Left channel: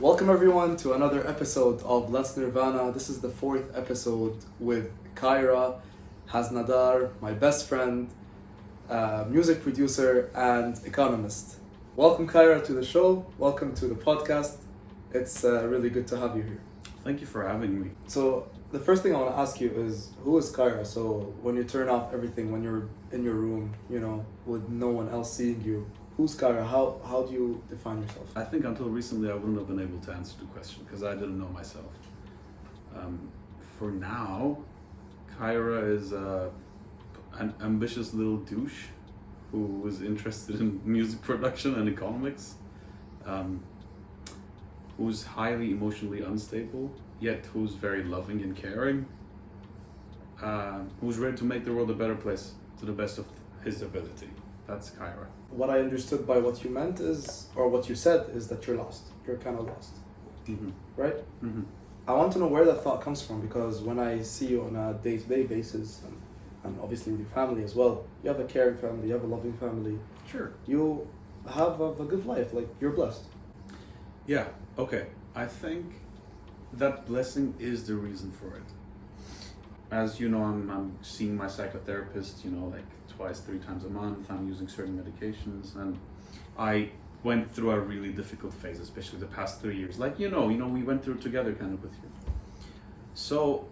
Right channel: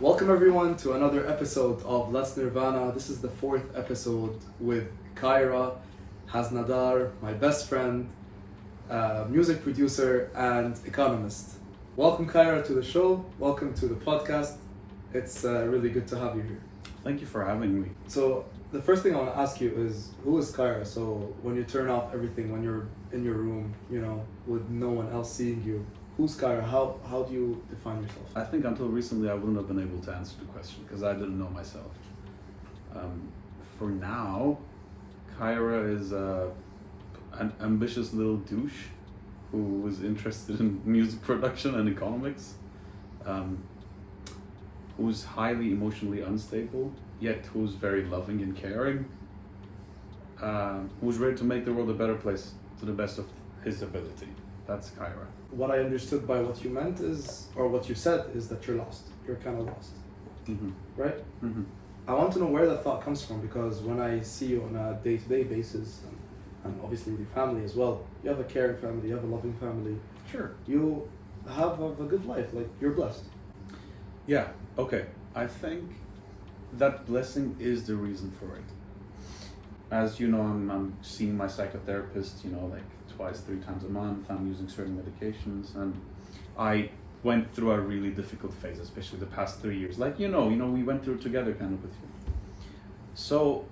Welcome everyone to another episode of Let's Nirvana. This is the fourth episode with Kayra, Haznedar, my best friend, music producer and economist. Welcome Kayra to the show. Welcome to the podcast. It's really good to have you here. Thank you for having me. So the first thing I want to ask you is, who is Kayra? So when you turn off everything, when you're in your room, with no one else seeing you, who's Kayra? How do you define yourself? I think until recently I wouldn't have been able to answer the question because I didn't know myself. For now, Kayra is an ambitious little douche who was interested in music production and economics, who's highly emotionally unstable, yet who's very loving and caring, who's ready to make the world a better place to the best of his ability. That's Kayra. What I understood by what you meant is, or what you said, is that you're lost. You're kind of lost, right? Mm-hmm. I want to know where that thought comes from, because when I see you on a day-to-day basis, and obviously with your family as well, you have a caring family, you have a loving family. Sure. You have a good life, like you're blessed. Yeah, okay. I think that blessing is the reason for it. As you know, I'm seeing my psychotherapist, like twice, 3 times a month. I'm using certain medications, and I went through a really difficult phase, especially the past 3 years. Like, we went through it together kind of with you. So,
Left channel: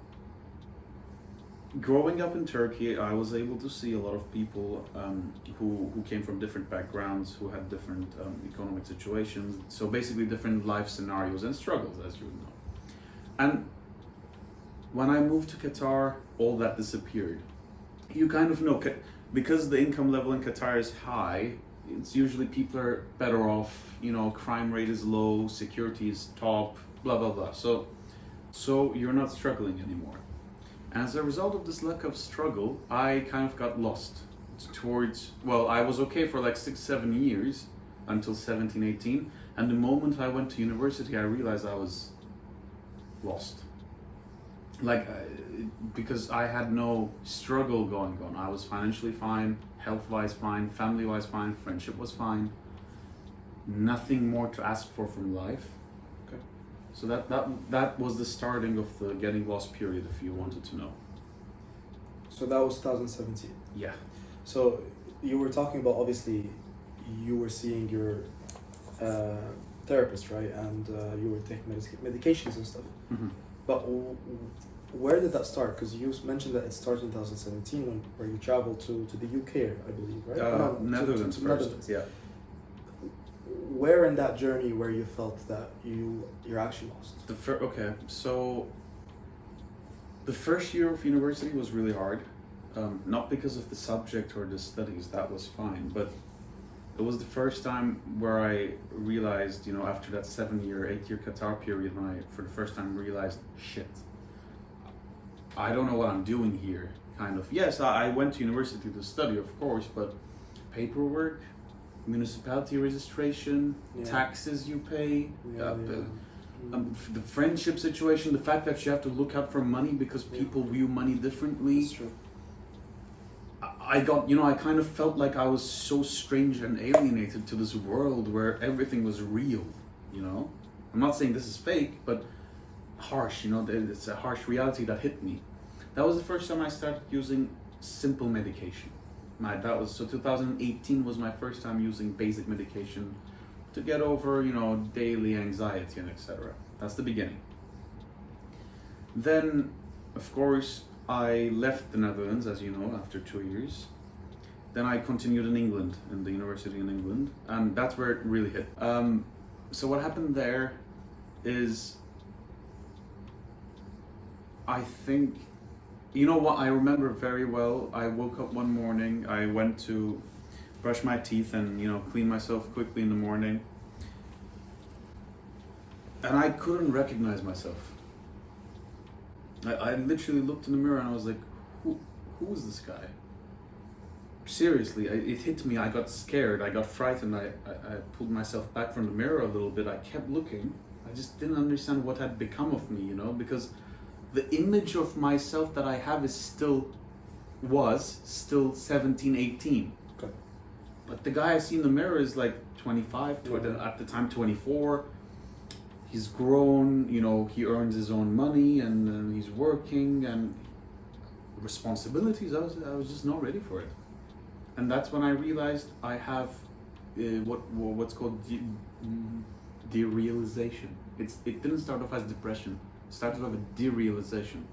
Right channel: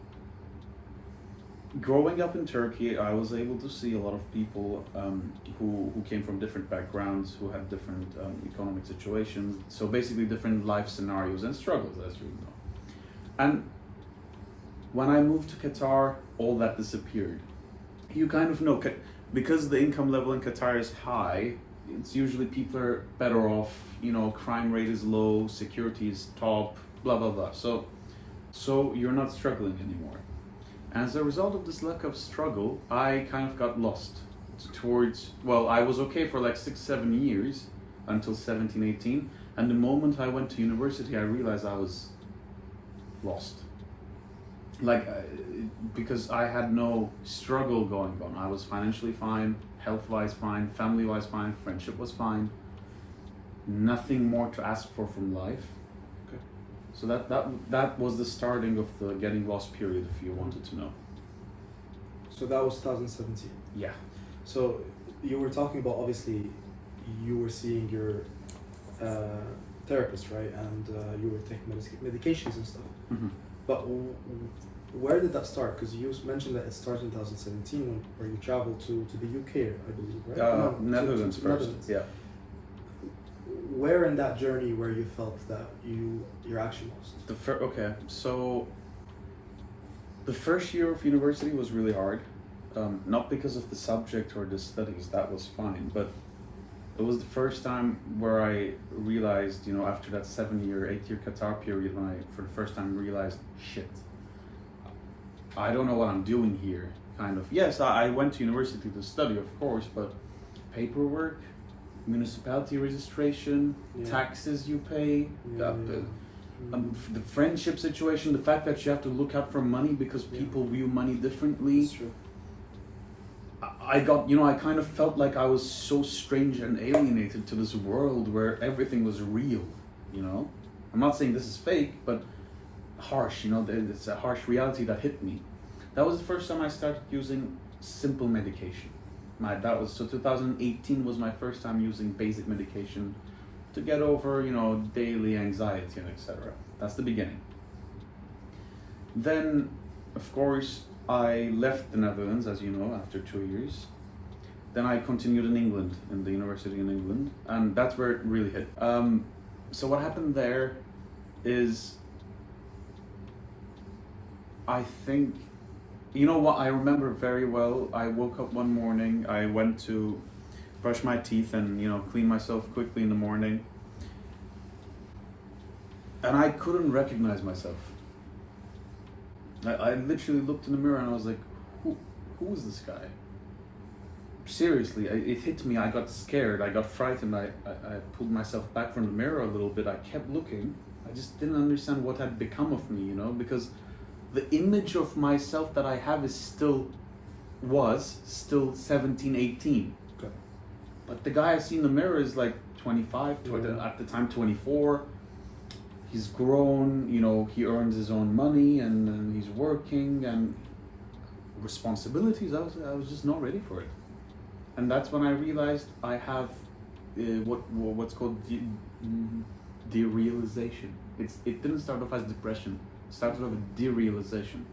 growing up in Turkey, I was able to see a lot of people who came from different backgrounds, who had different economic situations. So basically different life scenarios and struggles, as you know. And when I moved to Qatar, all that disappeared. You kind of know, because the income level in Qatar is high, it's usually people are better off, crime rate is low, security is top, blah, blah, blah. So you're not struggling anymore. As a result of this lack of struggle, I kind of got lost I was okay for like 6-7 years until 17, 18. And the moment I went to university, I realized I was lost. Because I had no struggle going on. I was financially fine, health-wise fine, family-wise fine, friendship was fine. Nothing more to ask for from life. Okay. So that was the starting of the getting lost period, if you wanted to know. So that was 2017. Yeah. So you were talking about, obviously, you were seeing your therapist, right? And you were taking medications and stuff. Mm-hmm. But where did that start? Because you mentioned that it started in 2017 where you traveled to the UK, I believe, right? Netherlands to first. Netherlands. Yeah. Where in that journey where you felt that you're actually lost? Okay, so the first year of university was really hard. Not because of the subject or the studies, that was fine, but it was the first time where I realized, after that 8-year Qatar period, when I, for the first time, realized, shit, I don't know what I'm doing here, kind of. Yes, I went to university to study, of course, but paperwork, municipality registration, taxes you pay, the friendship situation, the fact that you have to look out for money because people view money differently. That's true. I kind of felt like I was so strange and alienated to this world where everything was real, I'm not saying this is fake, but harsh, it's a harsh reality that hit me. That was the first time I started using simple medication. 2018 was my first time using basic medication to get over, daily anxiety and etc. That's the beginning. Then, of course, I left the Netherlands, as you know, after 2 years. Then I continued in England, in the university in England, and that's where it really hit. So what happened there is, I think, what I remember very well, I woke up one morning, I went to brush my teeth and, clean myself quickly in the morning, and I couldn't recognize myself. I literally looked in the mirror and I was like, who is this guy? Seriously, it hit me. I got scared, I got frightened, I pulled myself back from the mirror a little bit. I kept looking. I just didn't understand what had become of me, because the image of myself that I have was still 17, 18. Okay. But the guy I see in the mirror is like 25, at the time 24. he's grown, you know, he earns his own money and he's working and responsibilities. I was just not ready for it. And that's when I realized I have what's called derealization. It didn't start off as depression. It started off with derealization.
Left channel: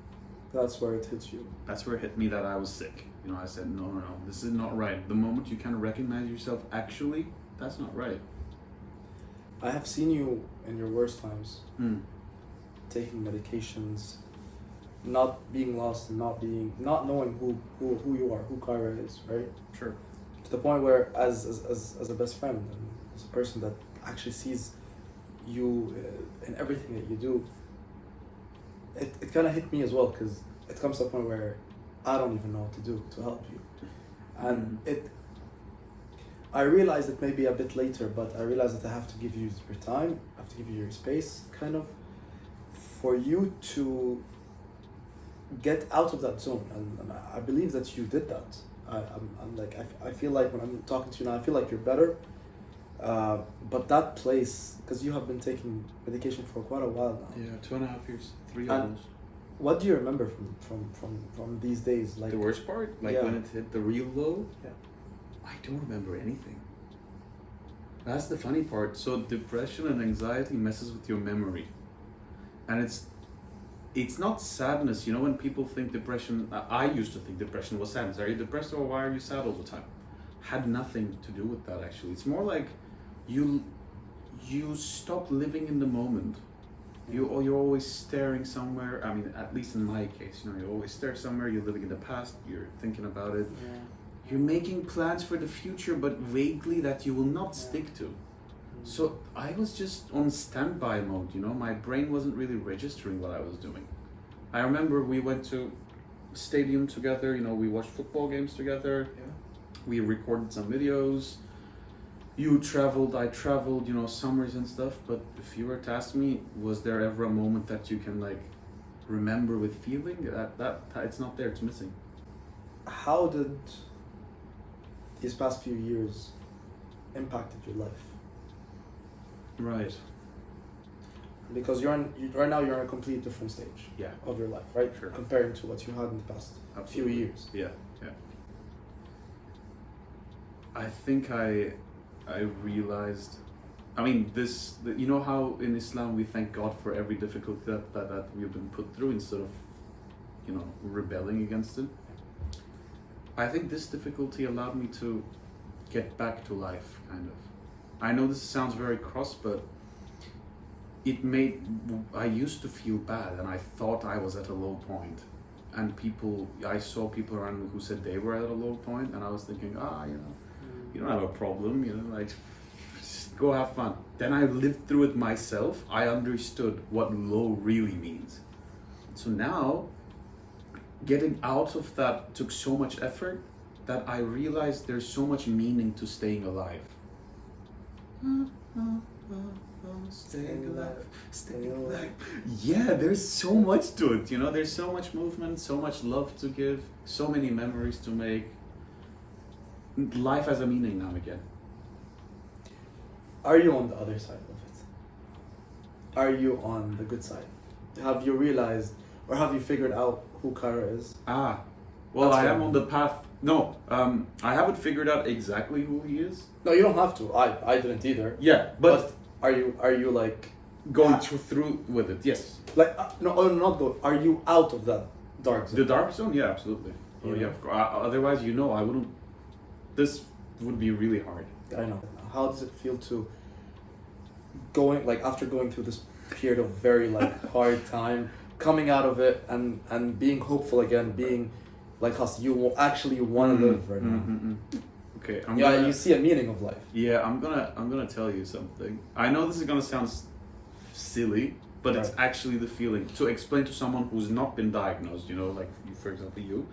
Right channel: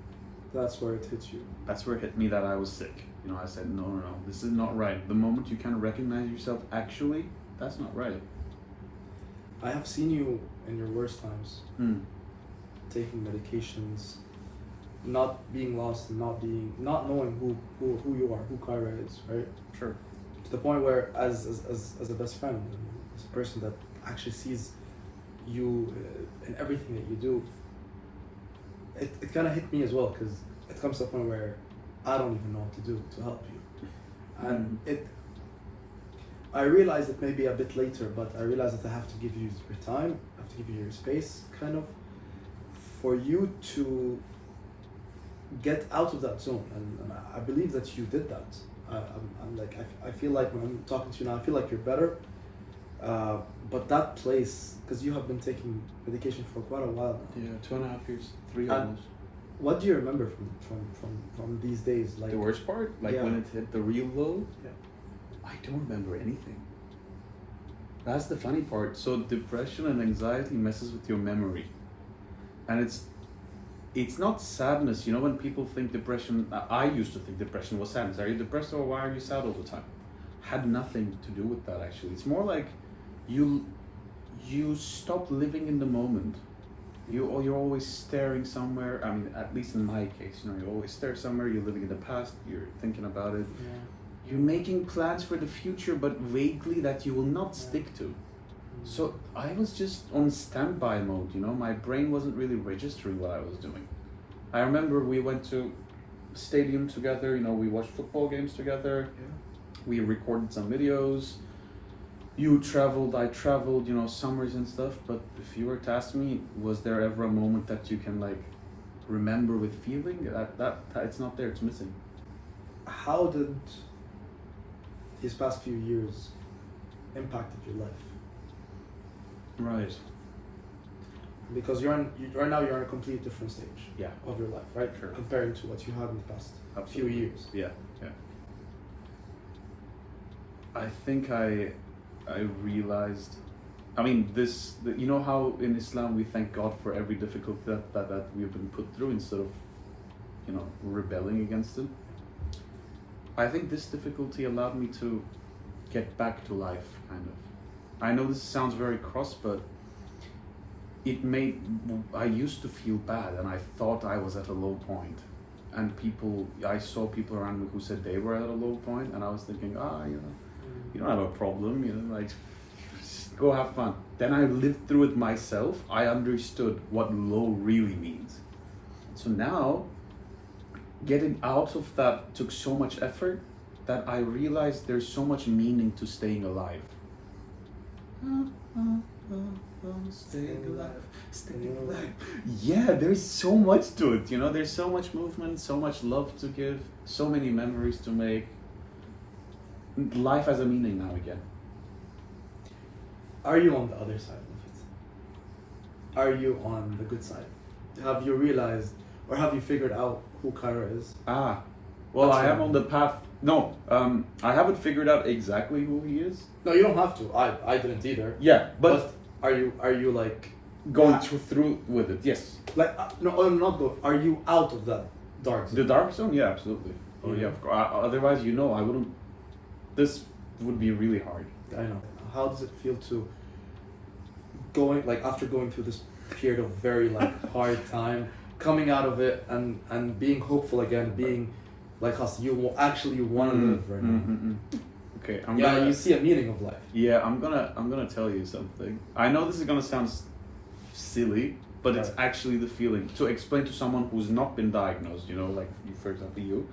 That's where it hits you. That's where it hit me that I was sick. You know, I said, no, this is not right. The moment you kind of recognize yourself, actually, that's not right. I have seen you in your worst times, taking medications, not being lost, and not knowing who you are, who Kayra is, right? Sure. To the point where, as a best friend, and as a person that actually sees you in everything that you do, it kind of hit me as well, because it comes to a point where I don't even know what to do to help you, and I realized it maybe a bit later, but I realized that I have to give you your time, I have to give you your space, kind of, for you to get out of that zone, and I believe that you did that. I feel like when I'm talking to you now, I feel like you're better. But that place, because you have been taking medication for quite a while now. Yeah, 2.5 years, 3 And almost. what do you remember from these days? Like The worst part, like yeah. when it hit the real low, Yeah. I don't remember anything. That's the funny part. So depression and anxiety messes with your memory, and it's not sadness. You know, when people think depression, I used to think depression was sadness. Are you depressed, or why are you sad all the time? Had nothing to do with that, actually. It's more like you stop living in the moment. You're always staring somewhere. I mean, at least in my case, you know, you always stare somewhere. You're living in the past. You're thinking about it. Yeah. You're making plans for the future, but vaguely that you will not stick to. So I was just on standby mode, you know, my brain wasn't really registering what I was doing. I remember we went to stadium together, you know, we watched football games together, we recorded some videos. You traveled, I traveled, you know, summers and stuff, but if you were to ask me, was there ever a moment that you can like remember with feeling? That it's not there, it's missing. How did these past few years impacted your life? Right. Because right now you're on a completely different stage of your life, right? Sure. Comparing to what you had in the past few years. Yeah. I think I realized, I mean, you know how in Islam we thank God for every difficulty that we've been put through instead of, you know, rebelling against it. I think this difficulty allowed me to get back to life, kind of. I know this sounds very cross, but I used to feel bad and I thought I was at a low point. And I saw people around me who said they were at a low point, and I was thinking, you know, you don't have a problem, you know, like, just go have fun. Then I lived through it myself. I understood what low really means. So now, getting out of that took so much effort that I realized there's so much meaning to staying alive. Staying alive. Yeah, there's so much to it, you know, there's so much movement, so much love to give, so many memories to make. Life has a meaning now again. Are you on the other side of it? Are you on the good side? Have you realized, or have you figured out who Kayra is? Well, I am on the path. No, I haven't figured out exactly who he is. No, you don't have to. I didn't either. Yeah, but are you like going through with it? Yes. Like not go. Are you out of that dark zone? The dark zone? Yeah, absolutely. Oh yeah. Otherwise, you know, I wouldn't. This would be really hard. I know. How does it feel to after going through this period of very hard time, coming out of it and being hopeful again, being like us, you want to live right now. Okay, you see a meaning of life. Yeah, I'm gonna tell you something. I know this is gonna sound silly, but it's actually the feeling. To explain to someone who's not been diagnosed, you know, like for example you.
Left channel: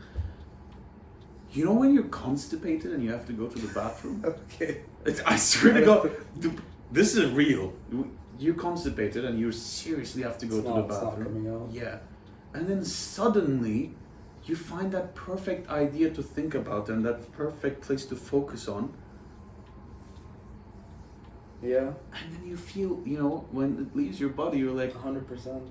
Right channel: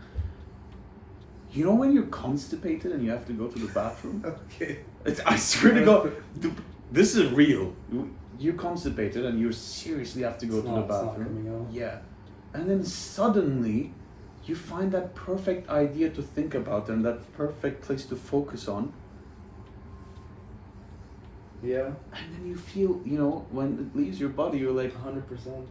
You know when you're constipated and you have to go to the bathroom? Okay. I swear to God, this is real. You're constipated and you seriously have to go to the bathroom. Yeah. And then suddenly, you find that perfect idea to think about and that perfect place to focus on. Yeah. And then you feel, you know, when it leaves your body, you're like, 100%.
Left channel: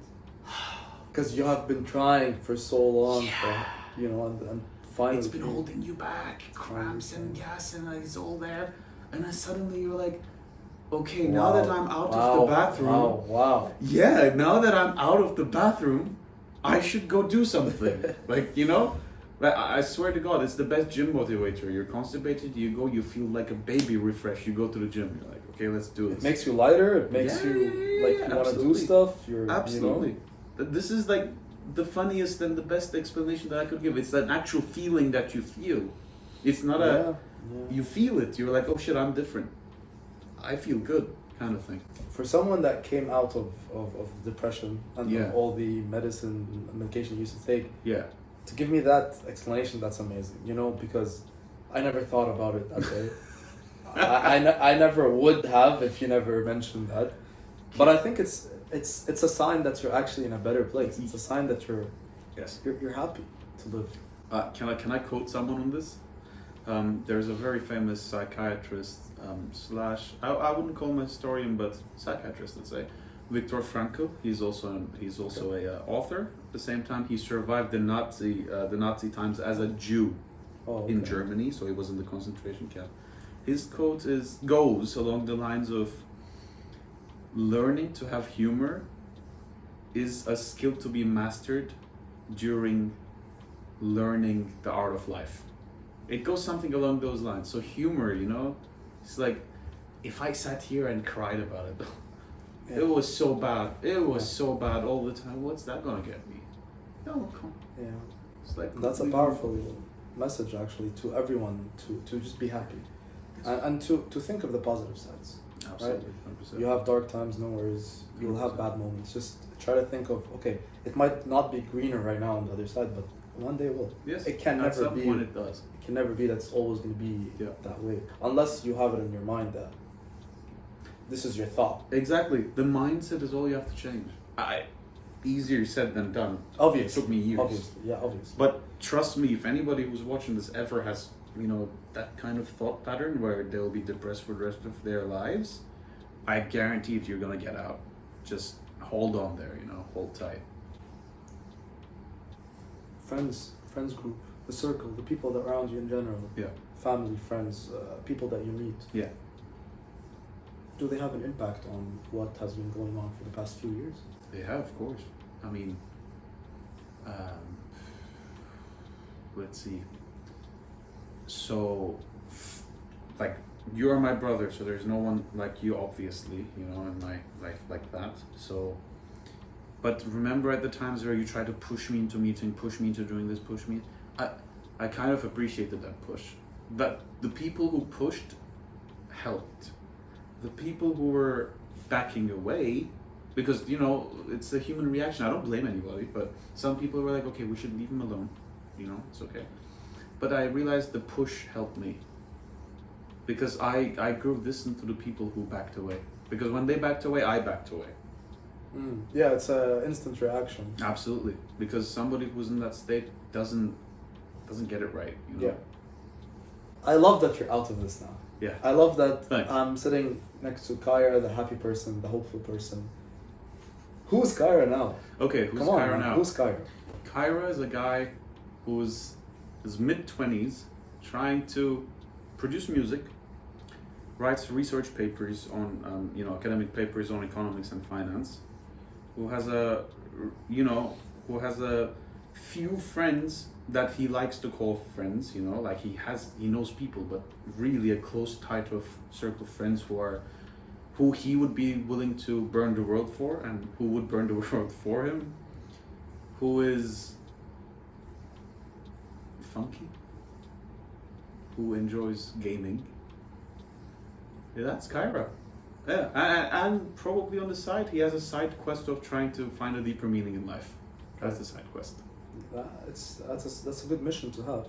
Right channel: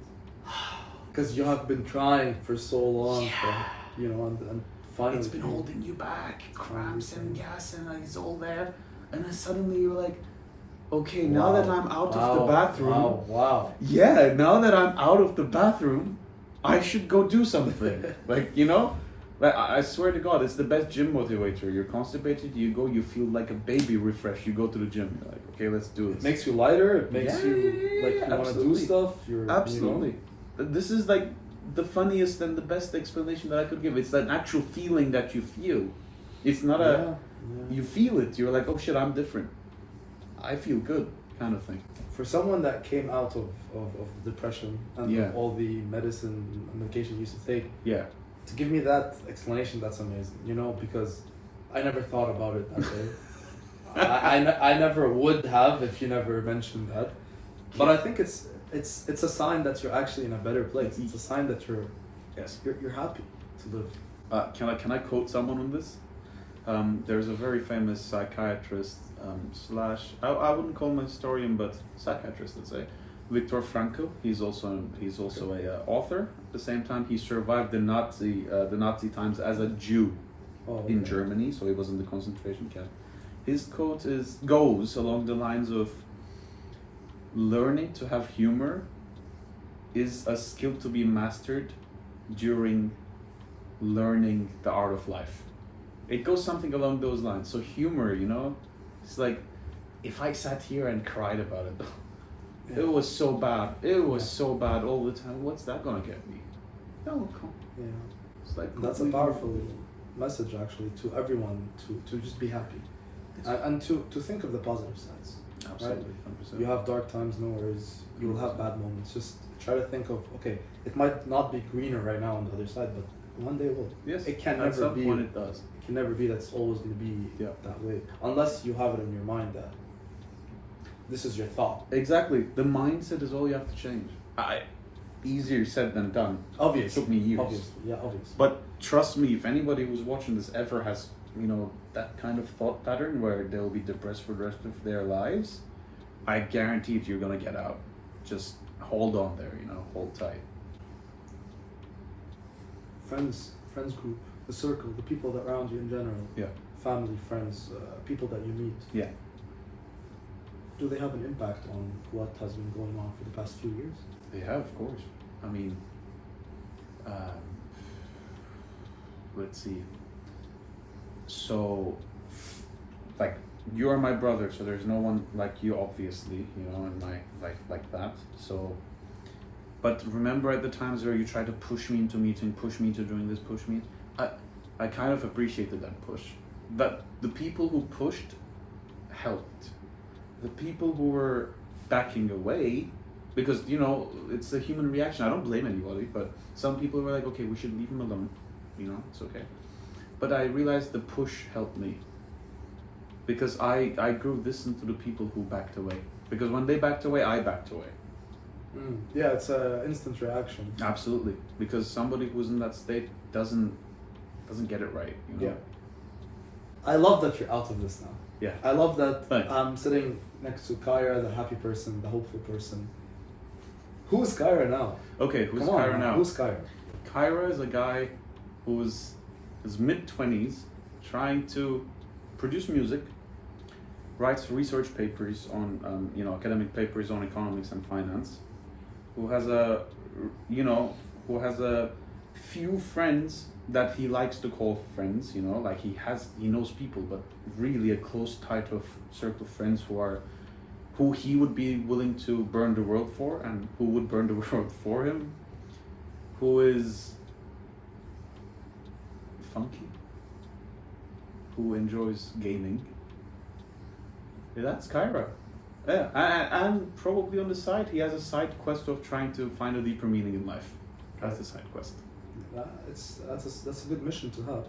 Because you have been trying for so long, for, you know, and finally it's been holding you back, cramps and gas, and it's all there. And then suddenly you're like, okay, now that I'm out of the bathroom, yeah, now that I'm out of the bathroom, I should go do something. Like, you know, like I swear to God, it's the best gym motivator. You're constipated, you go, you feel like a baby refreshed. You go to the gym, you're like, okay, let's do this. It makes you lighter. It makes you like you want to do stuff. Absolutely. You know? This is like the funniest and the best explanation that I could give. It's that actual feeling that you feel. It's not you feel it. You're like, oh shit, I'm different. I feel good, kind of thing. For someone that came out of depression and of all the medication you used to take, to give me that explanation, that's amazing. You know, because I never thought about it that way. I never would have if you never mentioned that. But I think it's a sign that you're actually in a better place. It's a sign that you're happy to live. Can I quote someone on this? There's a very famous psychiatrist I wouldn't call him a historian, but psychiatrist, let's say, Viktor Frankl. He's also a author. At the same time, he survived the Nazi times as a Jew in Germany, so he was in the concentration camp. His quote goes along the lines of, learning to have humor is a skill to be mastered during learning the art of life. It goes something along those lines. So humor, you know, it's like, if I sat here and cried about it, it was so bad. It was so bad all the time. What's that gonna get me? No, come. Yeah. It's like that's a powerful message actually to everyone to just be happy, and to think of the positive sides. Absolutely, right? 100%. You have dark times, no worries. You'll have bad moments. Just try to think of, okay, it might not be greener right now on the other side, but one day it will. Yes, it can at never some be. point it does. It can never be that's always going to be that way, unless you have it in your mind that this is your thought. Exactly. The mindset is all you have to change. Easier said than done. Obviously. It took me years. Obviously. But trust me, if anybody who's watching this ever has, you know, that kind of thought pattern where they'll be depressed for the rest of their lives, I guarantee it, you're gonna get out. Just hold on there, you know, hold tight. Friends group, the circle, the people that are around you in general. Yeah. Family, friends, people that you meet. Yeah. Do they have an impact on what has been going on for the past few years? They have, of course. I mean, let's see. So, like, you are my brother, so there's no one like you, obviously, you know, in my life like that. So, but remember at the times where you tried to push me into meeting, push me into doing this, push me, I kind of appreciated that push. But the people who pushed helped. The people who were backing away, because, you know, it's a human reaction. I don't blame anybody, but some people were like, okay, we should leave him alone. You know, it's okay. But I realized the push helped me. Because I grew distant to the people who backed away. Because when they backed away, I backed away. Yeah, it's an instant reaction. Absolutely. Because somebody who's in that state doesn't get it right, you know? Yeah. I love that you're out of this now. Yeah. I love that. Thanks. I'm sitting next to Kayra, the happy person, the hopeful person. Who's Kayra now? Okay, who's Kayra now? Who's Kayra? Kayra is a guy who's his mid-20s, trying to produce music, writes research papers on, you know, academic papers on economics and finance, who has a few friends that he likes to call friends, you know, like he knows people, but really a close, tight of circle of friends who he would be willing to burn the world for, and who would burn the world for him, who is funky, who enjoys gaming. Yeah, that's Kayra. Yeah, and probably on the side, he has a side quest of trying to find a deeper meaning in life. That's the side quest. That's a good mission to have.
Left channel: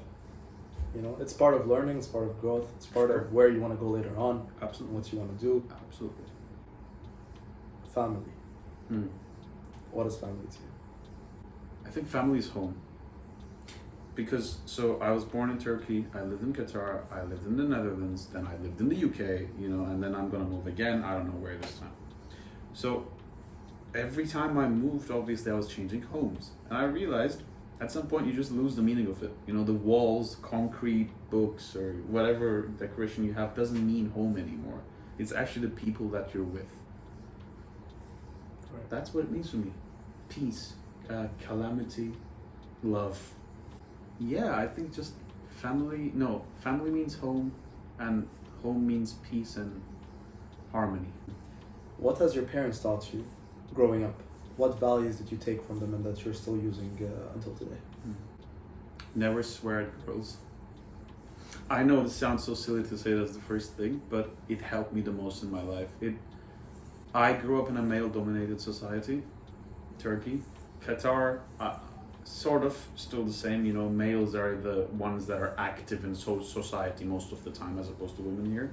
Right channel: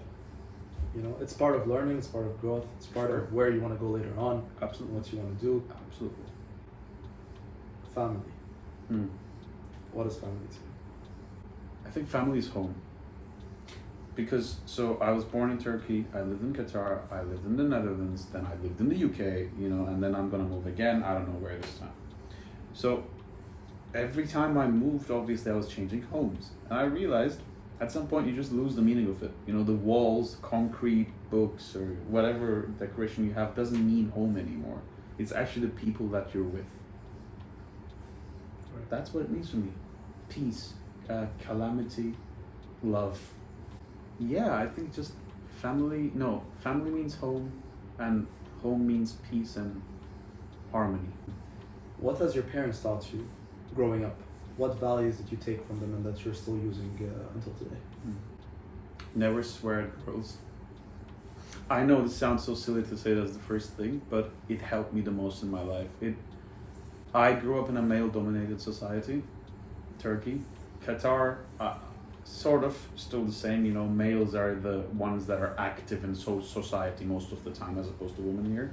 You know, it's part of learning, it's part of growth, it's part of where you want to go later on. Absolutely. What you want to do. Absolutely. Family. What is family to you? I think family is home. because so I was born in Turkey, I lived in Qatar, I lived in the Netherlands, then I lived in the UK, and then I'm gonna move again. I don't know where this time. So every time I moved, obviously I was changing homes, and I realized at some point you just lose the meaning of it. The walls, concrete, books, or whatever decoration you have doesn't mean home anymore. It's actually the people that you're with. Right. That's what it means for me. Peace, calamity, love. Yeah, I think just family means home, and home means peace and harmony. What has your parents taught you growing up? What values did you take from them and that you're still using until today? Never swear at girls. I know this sounds so silly to say that's the first thing, but it helped me the most in my life. I grew up in a male-dominated society, Turkey. Qatar, sort of still the same. Males are the ones that are active in society most of the time, as opposed to women here.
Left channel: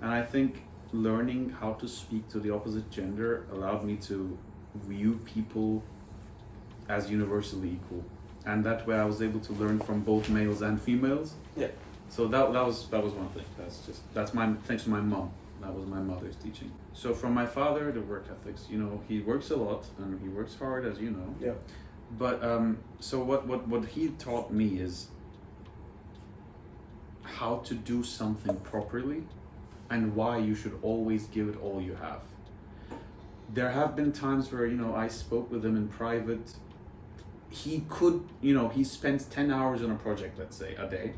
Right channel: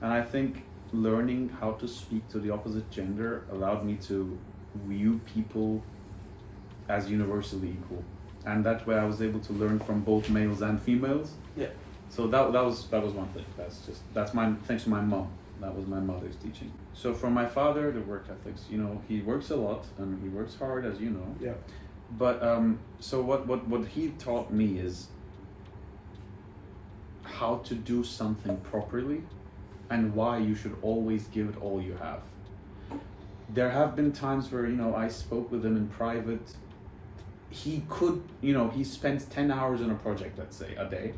And I think learning how to speak to the opposite gender allowed me to view people as universally equal, and that way I was able to learn from both males and females. Yeah. So that was one thing. That's my thanks to my mom. That was my mother's teaching. So from my father, the work ethics. He works a lot and he works hard, as you know. Yeah. But so what he taught me is how to do something properly, and why you should always give it all you have. There have been times where, I spoke with him in private. He could, he spent 10 hours on a project, let's say, a day.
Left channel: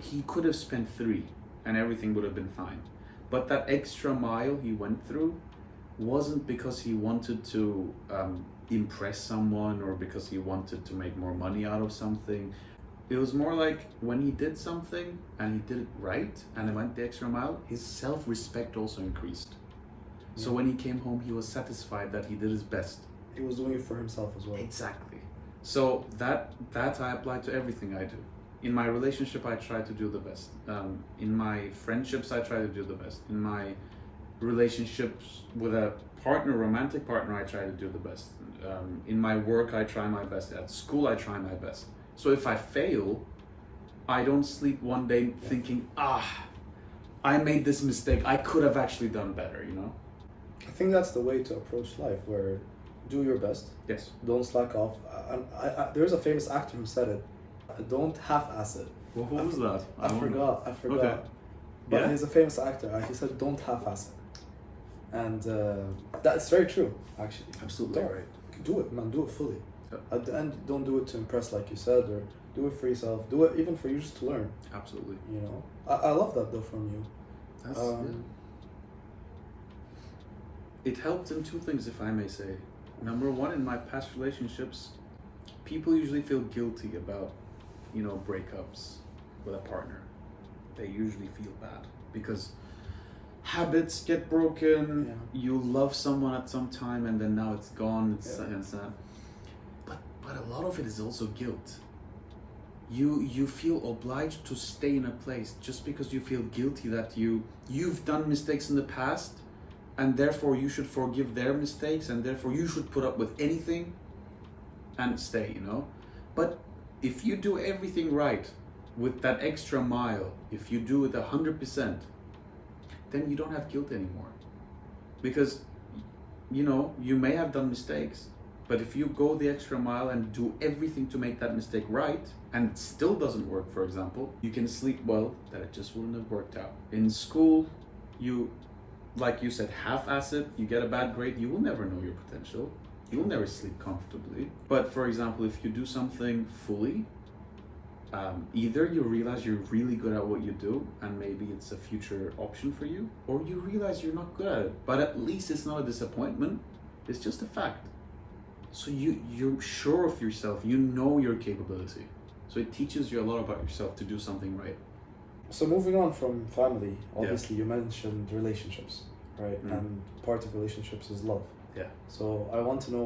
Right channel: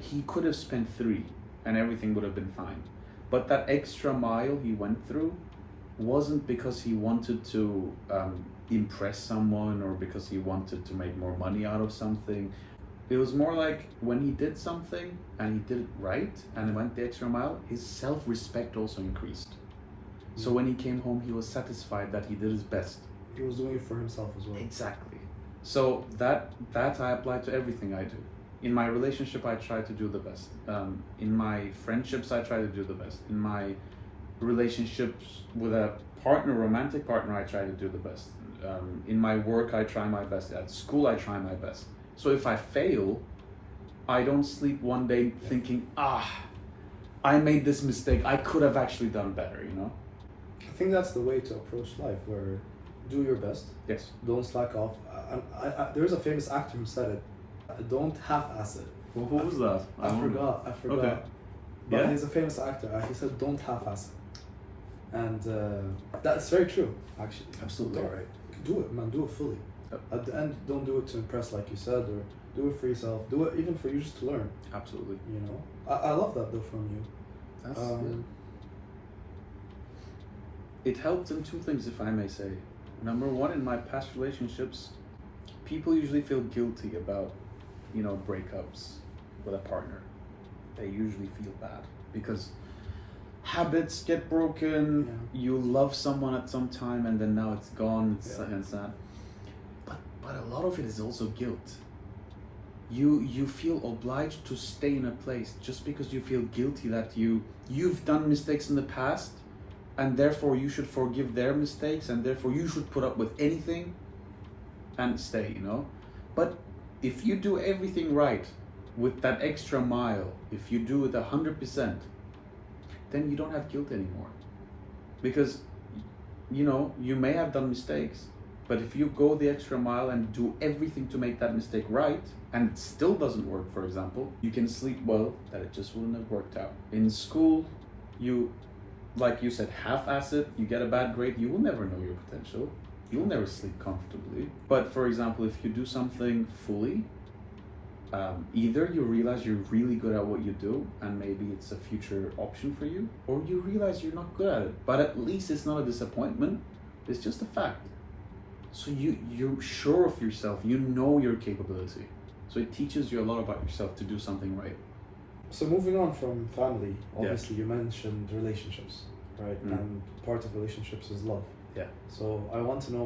He could have spent 3 and everything would have been fine. But that extra mile he went through wasn't because he wanted to impress someone or because he wanted to make more money out of something. It was more like when he did something and he did it right and he went the extra mile, his self-respect also increased. So when he came home, he was satisfied that he did his best. He was doing it for himself as well. Exactly. So that I apply to everything I do. In my relationship, I try to do the best. In my friendships, I try to do the best. In my relationships with a partner, romantic partner, I try to do the best. In my work, I try my best. At school, I try my best. So if I fail, I don't sleep one day thinking, I made this mistake. I could have actually done better, I think that's the way to approach life, where do your best. Yes. Don't slack off. There's a famous actor who said it. Don't half-ass it. Well, who was that? I forgot. Okay. But Yeah? he's a famous actor, and he said, "Don't half-ass it," and that's very true, actually. Absolutely right. Do it, man. Do it fully. Yep. At the end, don't do it to impress, like you said, or do it for yourself. Do it even for you, just to learn. Absolutely. I love that though from you. That's It helped in 2 things, if I may say. Number 1, in my past relationships, people usually feel guilty about, breakups with a partner. They usually feel bad because habits get broken. Yeah. You love someone at some time and then now it's gone. It's sad. But a lot of it is also guilt. You feel obliged to stay in a place just because you feel guilty that you've done mistakes in the past, and therefore you should forgive their mistakes, and therefore you should put up with anything and stay, But if you do everything right with that extra mile, if you do it 100%, then you don't have guilt anymore. Because, you may have done mistakes, but if you go the extra mile and do everything to make that mistake right, and it still doesn't work, for example, you can sleep well that it just wouldn't have worked out. In school, like you said, half-ass it, you get a bad grade, you will never know your potential. You'll never sleep comfortably. But for example, if you do something fully, either you realize you're really good at what you do and maybe it's a future option for you, or you realize you're not good at it, but at least it's not a disappointment, it's just a fact. So you're sure of yourself, you know your capability. So it teaches you a lot about yourself to do something right. So moving on from family, obviously you mentioned relationships, right? And part of relationships is love. Yeah. So I want to know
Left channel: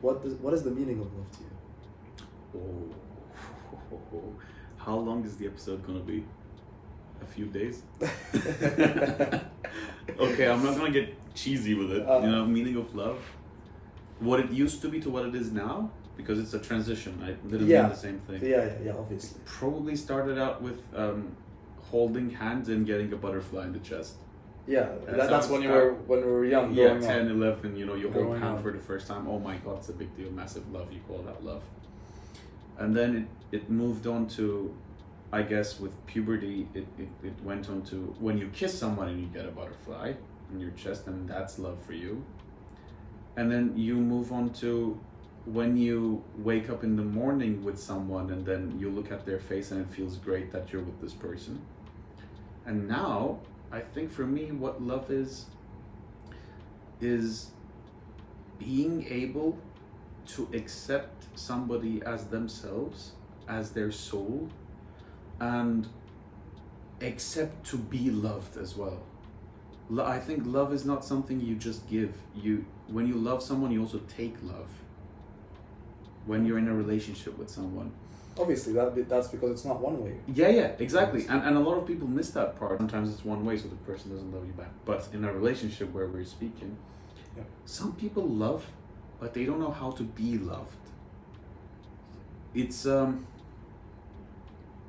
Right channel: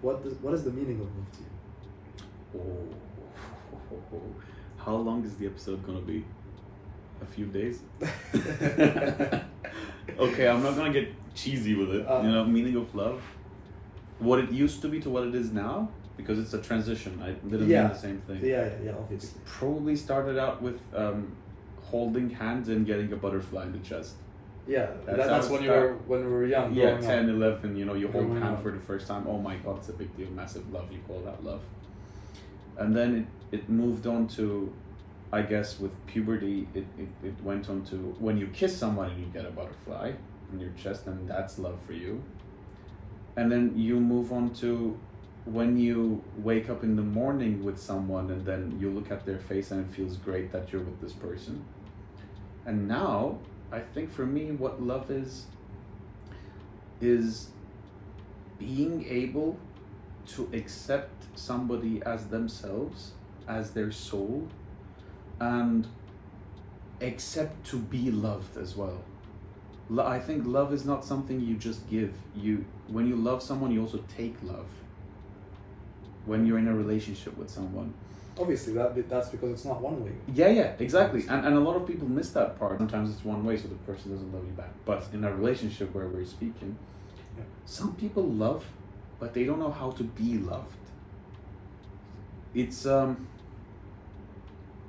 what is the meaning of love to you? How long is the episode gonna be? A few days? Okay, I'm not gonna get cheesy with it. Meaning of love. what it used to be to what it is now, because it's a transition. I didn't Yeah. mean the same thing. Yeah, obviously. Probably started out with holding hands and getting a butterfly in the chest. Yeah, That's that's how when it you were young. Yeah, growing up. 10, 11, you hold Growing hand up. for the first time. Oh my God, it's a big deal, massive love. You call that love. And then it moved on to, I guess with puberty, it went on to when you kiss someone and you get a butterfly in your chest, and that's love for you. And then you move on to when you wake up in the morning with someone and then you look at their face and it feels great that you're with this person. And now, I think for me, what love is being able to accept somebody as themselves, as their soul, and accept to be loved as well. I think love is not something you just give. When you love someone, you also take love. When you're in a relationship with someone. Obviously, that's because it's not one way. Yeah, exactly. And a lot of people miss that part. Sometimes it's one way, so the person doesn't love you back. But in a relationship where we're speaking, some people love, but they don't know how to be loved. It's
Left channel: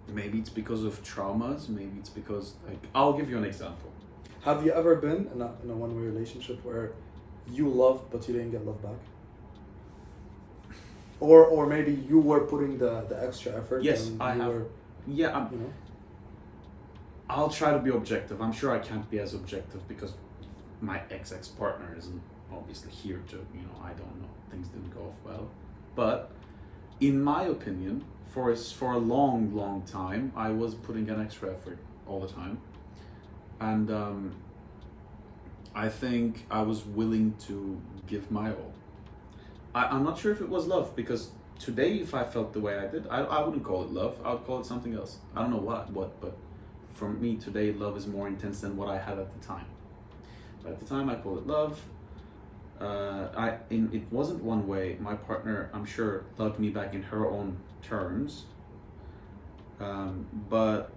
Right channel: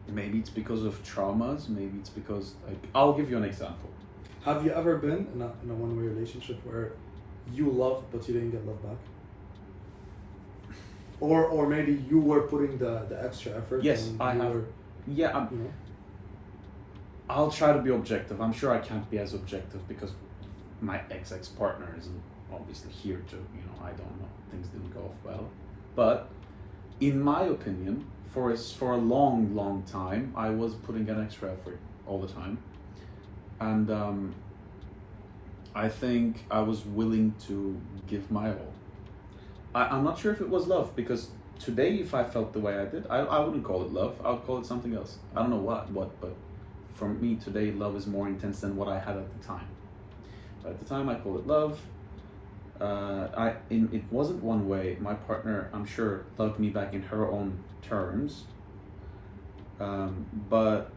maybe it's because of traumas. Maybe it's because, like, I'll give you an example. Have you ever been in a one-way relationship where you loved but you didn't get love back? Or maybe you were putting the extra effort. Yes, and I you have. were, Yeah, you know. I'll try to be objective. I'm sure I can't be as objective because my ex-partner isn't obviously here to, I don't know. Things didn't go off well. But in my opinion, for a long time, I was putting an extra effort all the time. And I think I was willing to give my all. I'm not sure if it was love, because today, if I felt the way I did, I wouldn't call it love. I would call it something else. I don't know what, but for me today, love is more intense than what I had at the time. But at the time, I called it love. It wasn't one way. My partner, I'm sure, loved me back in her own terms. But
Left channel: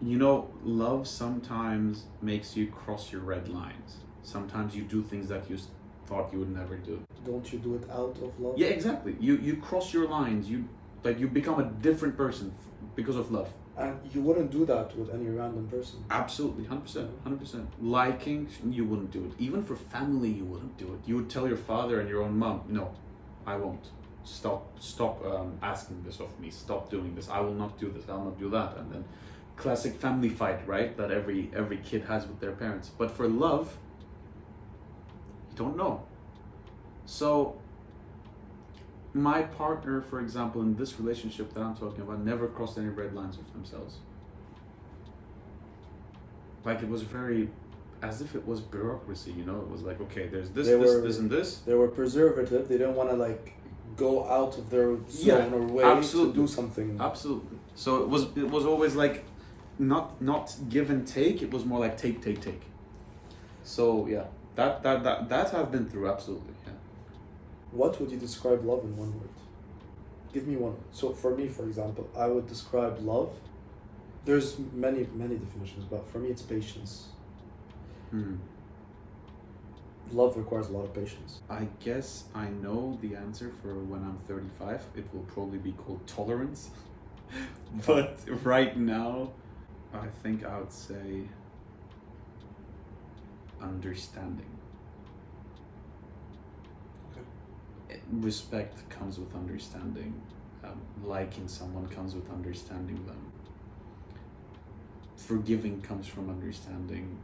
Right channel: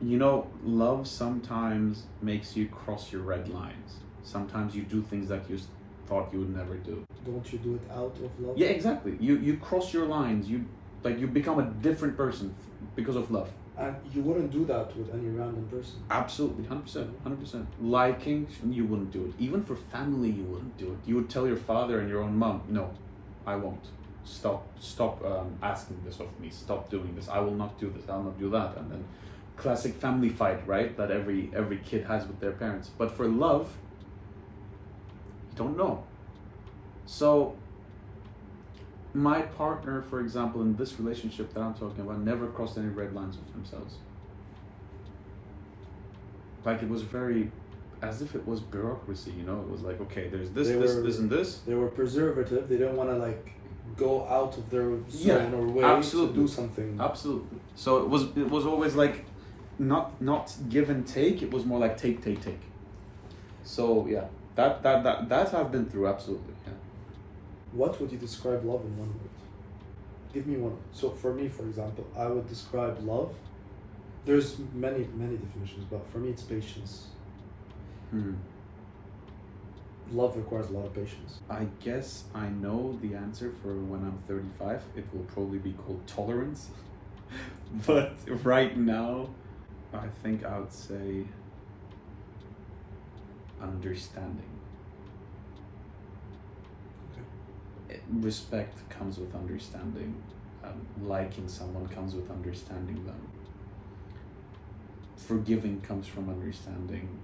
love sometimes makes you cross your red lines. Sometimes you do things that you thought you would never do. Don't you do it out of love? Yeah, exactly. You cross your lines. You become a different person because of love. And you wouldn't do that with any random person. Absolutely, 100%. Liking, you wouldn't do it. Even for family, you wouldn't do it. You would tell your father and your own mom, no, I won't. Stop asking this of me. Stop doing this. I will not do this. I'll not do that. And then classic family fight, right? That every kid has with their parents. But for love, you don't know. So my partner, for example, in this relationship that I'm talking about, never crossed any red lines with themselves. Like, it was very, as if it was bureaucracy, It was like, okay, there's this, this, and this. They were preservative. They didn't want to go out of their zone or way absolutely. to do something. Absolutely. So it was always like not give and take. It was more like take. So yeah, that I've been through, absolutely. Yeah. What would you describe love in one word? Give me one. So for me, for example, I would describe love. There's many definitions, but for me, it's patience. Love requires a lot of patience. I guess I know the answer for when I'm 35. It will probably be called tolerance. But right now, I think I would say understanding. Okay. Respect comes with understanding. Liking someone comes with understanding them. Forgiving comes from understanding.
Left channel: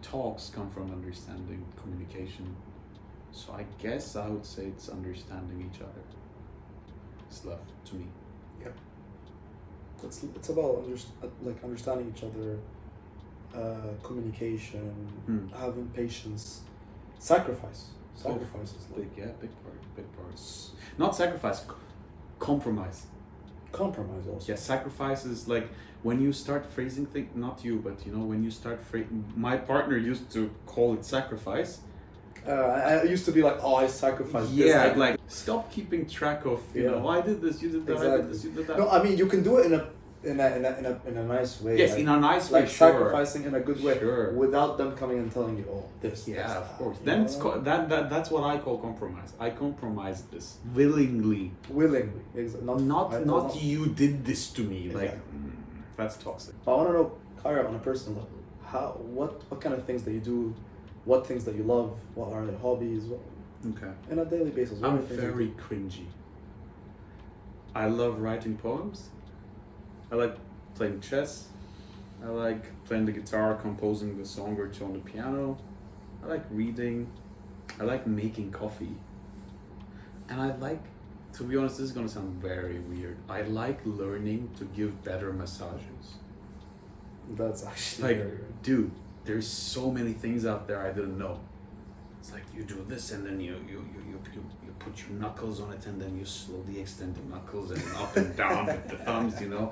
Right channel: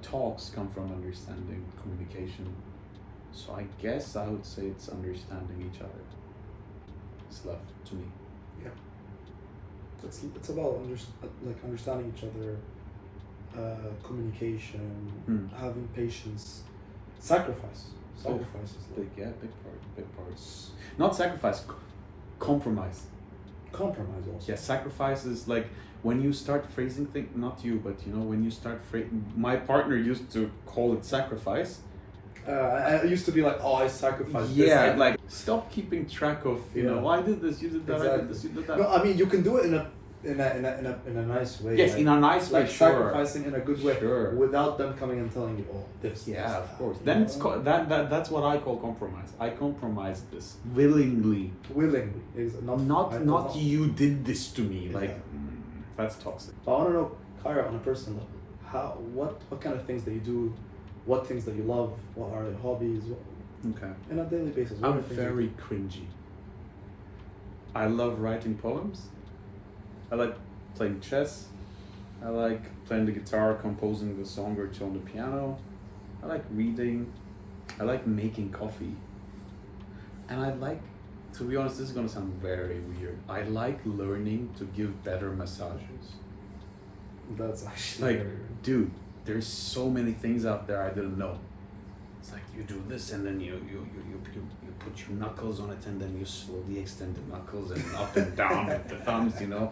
Talks come from understanding, communication. So I guess I would say it's understanding each other. It's love to me. Yeah. It's about understanding each other, communication, having patience, sacrifice. Sacrifice is love. Big parts. Not sacrifice, compromise. Compromise also. Yeah, sacrifice is like when you start phrasing things, not you, but when you start my partner used to call it sacrifice. I used to be like, oh, I sacrificed. Yeah, this. like stop keeping track of, I did this, you did that, Exactly. I did this, you did that. No, I mean, you can do it in a in a nice way. Yes, in a nice way, like sure. sacrificing in a good way, Sure. without them coming and telling you, oh, this. Yeah, this, of course. you Then know? it's that's what I call compromise. I compromise this willingly. Willingly, Not you did this to me. Like Exactly. that's toxic. I want to know, Kayra, on a personal level, what kind of things that you do, what things that you love, what are your hobbies, Okay. on a daily basis. What I'm are things you very do? cringy. I love writing poems. I like playing chess. I like playing the guitar, composing the song or two on the piano. I like reading. I like making coffee. And I like, to be honest, this is gonna sound very weird. I like learning to give better massages. That's actually Like, very weird. dude, there's so many things out there I didn't know. It's like you do this and then you put your knuckles on it and then you slowly extend the knuckles and up and down with the thumbs, you know.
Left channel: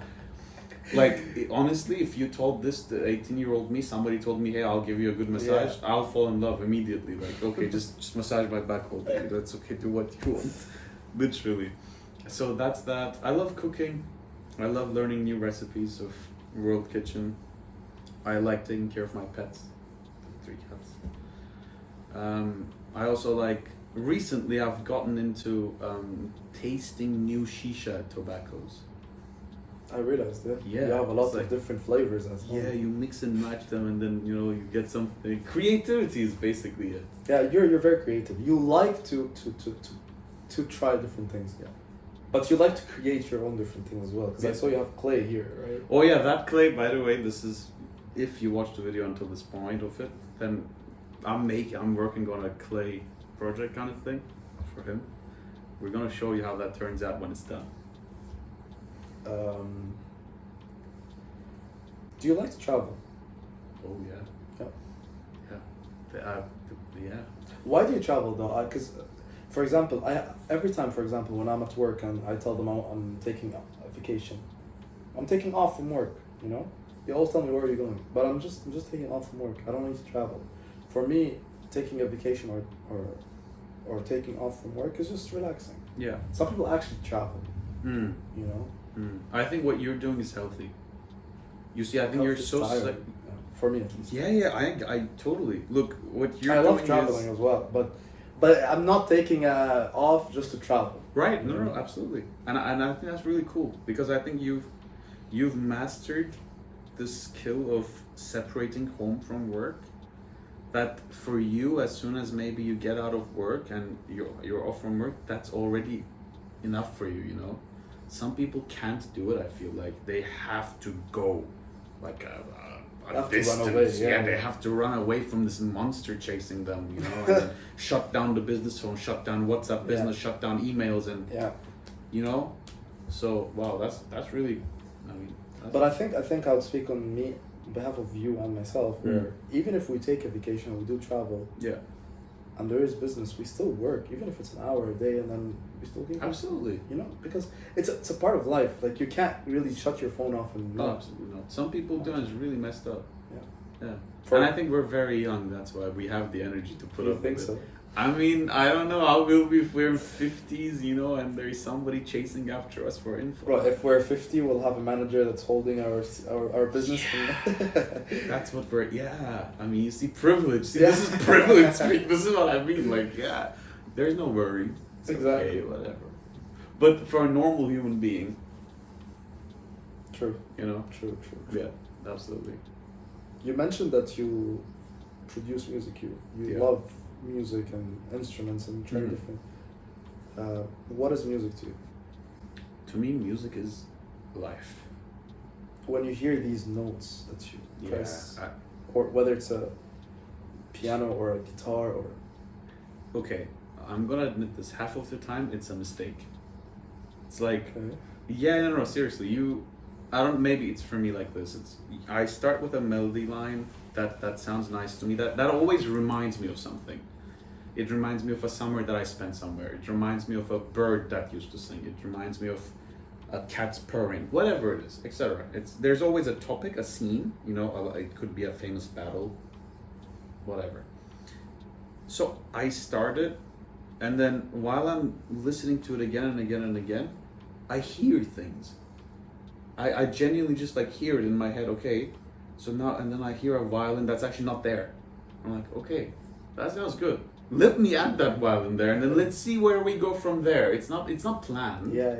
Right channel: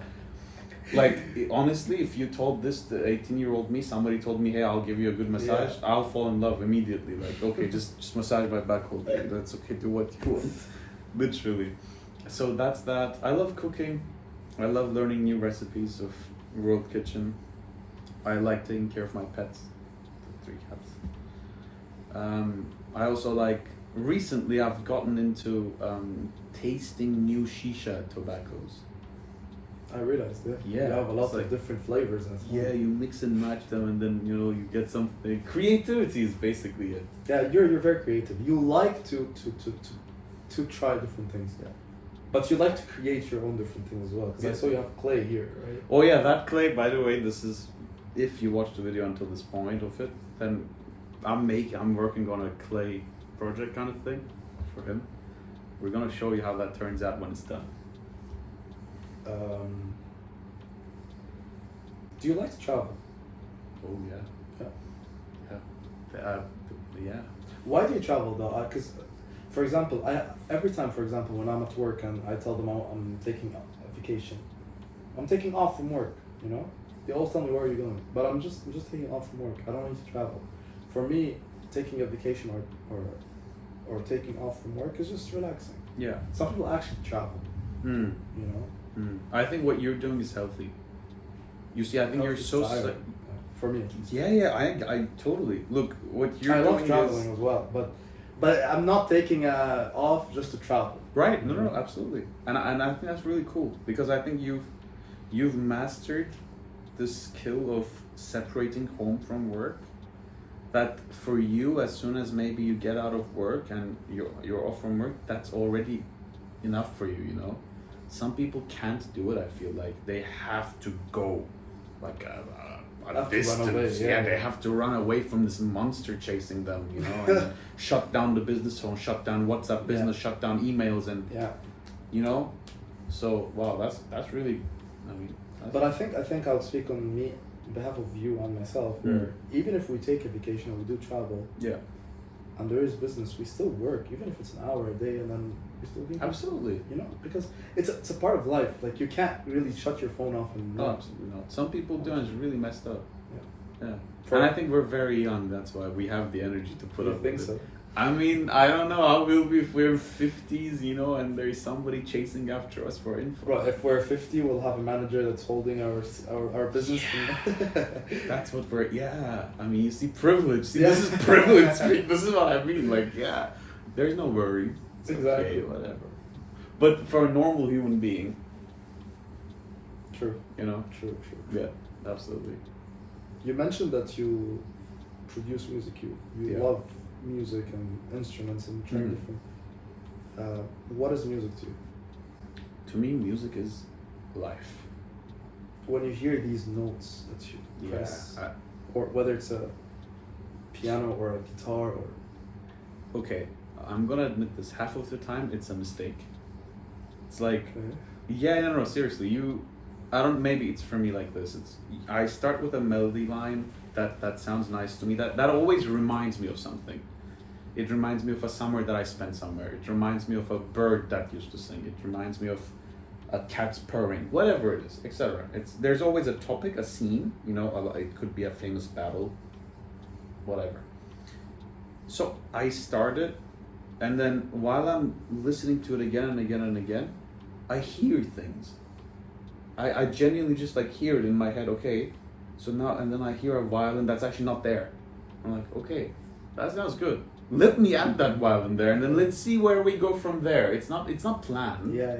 Like, honestly, if you told this to 18-year-old me, somebody told me, hey, I'll give you a good massage, Yeah. I'll fall in love immediately. Like, okay, just massage my back all day. That's okay, do what you want. Literally. So that's that. I love cooking. I love learning new recipes of World Kitchen. I like taking care of my pets. The 3 cats. I also like, recently I've gotten into tasting new shisha tobaccos. I realized that. Yeah, You have a lot it's like- of different flavors as well. Yeah, you mix and match them and then, you know, you get something. Creativity is basically it. Yeah, you're very creative. You like to try different things. Yeah. But you like to create your own different things as well. Because I Yeah. saw you have clay here, right? Oh yeah, that clay, by the way, this is, if you watch the video until this point of it, then I'm working on a clay project kind of thing for him. We're gonna show you how that turns out when it's done. Do you like to travel? Oh yeah. Yeah. Yeah. Yeah. Why do you travel though? Because, for example, every time, for example, when I'm at work and I tell them I'm taking a vacation, I'm taking off from work. You know, they always tell me where are you going, but I'm just taking off from work. I don't need to travel. For me, taking a vacation or taking off from work is just relaxing. Yeah. Some people actually travel. Hmm. You know. I think what you're doing is healthy. You see, I think you're It's so. tiring, yeah, for me, at least. Yeah. I totally look. What you're I love doing traveling is as well, but I'm not taking off just to travel. right. No, absolutely. And I think that's really cool because I think you've mastered the skill of separating home from work. That for you, as soon as maybe you get out of work and you're off from work, that's already enough for you. You know, some people can't do it. I feel like they have to go like a Have to run distance. away, yeah. They have to run away from this monster chasing them. You know, and then shut down the business phone, shut down WhatsApp business, shut down emails, and Yeah. you know. So wow, that's really. I mean. But I think I would speak on me, on behalf of you and myself, where even if we take a vacation and we do travel, Yeah. and there is business, we still work, even if it's an hour a day, and then we still do. Absolutely. You know, because it's a part of life. Like you can't really shut your phone off and. No, absolutely not. Some people do, and it's really messed up. Yeah. Yeah. And I think we're very young. That's why we have the energy to put You up think with so? it. I mean, I don't know how we'll be if we're in 50s, you know, and there's somebody chasing after us for info. Bro, if we're 50, we'll have a manager that's holding our business. That's what we're. Yeah. I mean, you see, privilege. See, Yeah. this is privilege. This is what I mean. Like, yeah, there's no worry. It's Exactly. okay, whatever. But for a normal human being, True. you know. True. Yeah. Absolutely. You mentioned that you produce music. You Yeah. love music and instruments and trying Mhm. different. What is music to you? To me, music is life. When you hear these notes that you Yeah. press, or whether it's a piano or a guitar or Okay, I'm gonna admit this. Half of the time, it's a mistake. It's like, okay. yeah, no, seriously. I don't. Maybe it's for me like this. I start with a melody line that sounds nice to me. That always reminds me of something. It reminds me of a summer that I spent somewhere. It reminds me of a bird that used to sing. It reminds me of a cat's purring. Whatever it is, etc. There's always a topic, a scene. You know, it could be a famous battle. Whatever. So I started, and then while I'm listening to it again and again and again, I hear things. I genuinely just like hear it in my head. Okay, so now and then I hear a violin that's actually not there. I'm like, okay, that sounds good. Let me add that violin there, and then let's see where we go from there. It's not planned. Yeah.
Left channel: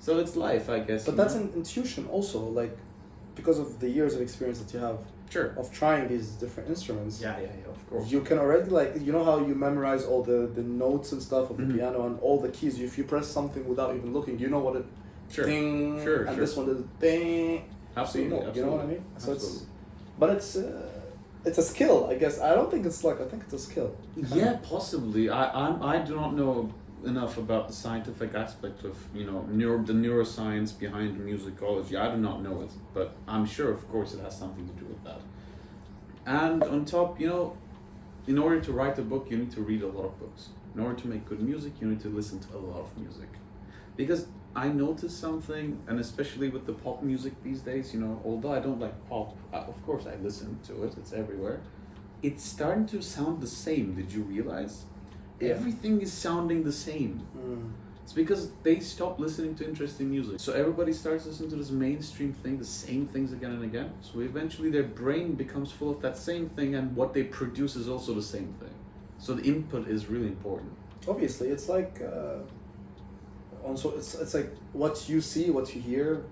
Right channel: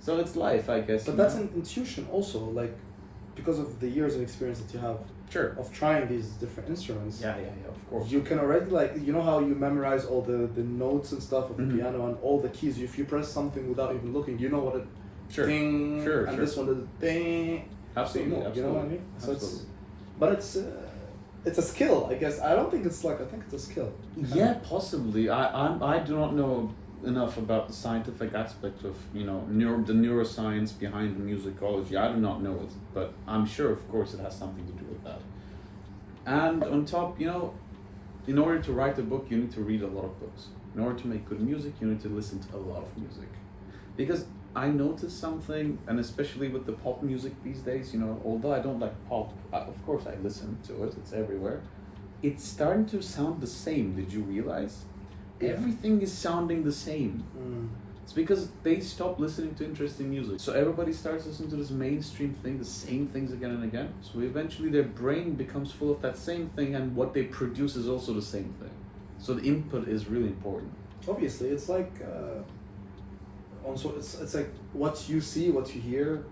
So it's life, I guess. But that's an intuition also, like, because of the years of experience that you have sure of trying these different instruments. Yeah, of course. You can already, like, you know how you memorize all the notes and stuff of the Mhm. piano and all the keys. If you press something without even looking, you know what it Sure. ding, Sure, and sure. this one did a ding. Absolutely, You know what I mean? So Absolutely. but it's a skill, I guess. I don't think it's luck. I think it's a skill. Yeah, possibly. I do not know enough about the scientific aspect of the neuroscience behind musicology. I do not know it, but I'm sure, of course, it has something to do with that. And on top, in order to write a book, you need to read a lot of books. In order to make good music, you need to listen to a lot of music. Because I noticed something, and especially with the pop music these days, although I don't like pop, of course I listen to it, it's everywhere. It's starting to sound the same, did you realize? Yeah. Everything is sounding the same. It's because they stopped listening to interesting music. So everybody starts listening to this mainstream thing, the same things again and again. So eventually their brain becomes full of that same thing, and what they produce is also the same thing. So the input is really important. Obviously, it's like also it's like what you see, what you hear,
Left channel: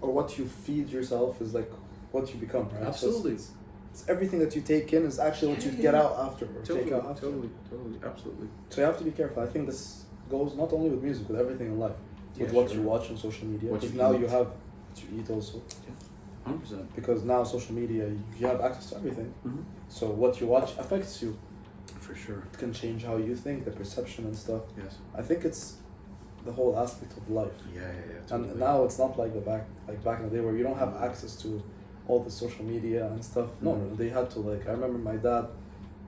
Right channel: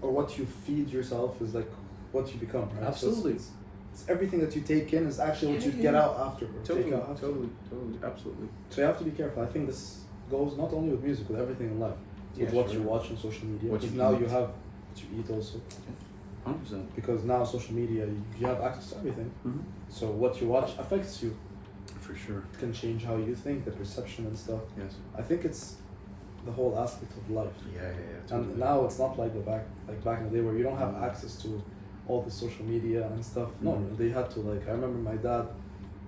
or what you feed yourself is like what you become, right? Absolutely. So it's everything that you take in is actually what you get out afterwards. Totally, take out after. totally, absolutely. So you have to be careful. I think this goes not only with music, with everything in life. With what you watch on social media. What you Because now eat. you have what you eat also. 100%. Because now social media, you have access to everything. Mm-hmm. So what you watch affects you. For sure. It can change how you think, the perception and stuff. Yes. I think it's the whole aspect of life. Yeah, totally. And now it's not like back in the day where you don't have access to all the social media and stuff. No, Mhm. they had to, like, I remember my dad,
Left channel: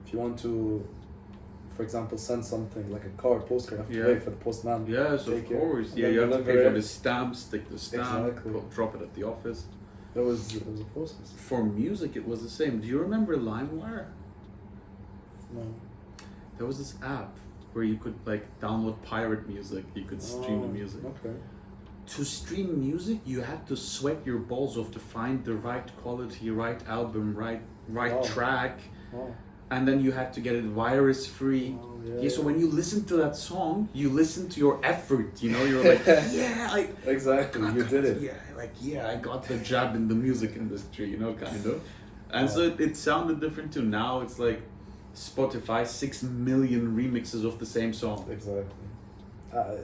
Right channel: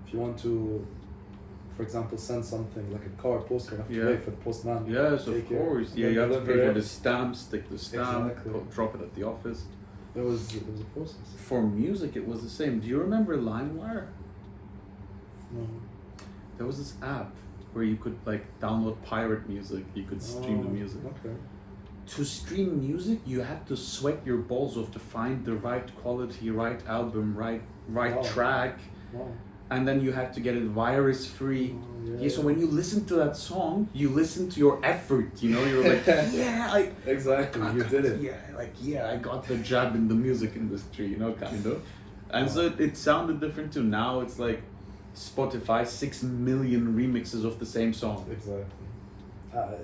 if you want to, for example, send something like a card, postcard, you have to Yeah. pay for the postman. Yes, of Take it, course. and Yeah, then you have to deliver pay for it. the stamp, stick the stamp, Exactly. drop it at the office. It was a process. For music, it was the same. Do you remember LimeWire? No. There was this app where you could download pirate music. You could stream the music. Okay. To stream music, you had to sweat your balls off to find the right quality, right album, right Wow. track, Wow. and then you had to get it virus free. Oh, Yeah, so when you listen to that song, you listen to your effort. You're like, yeah, Exactly, you did it. Yeah, I got the job in the music industry, kind of. And so it sounded different too. Now it's like Spotify, 6 million remixes of the same song. Exactly. Yeah.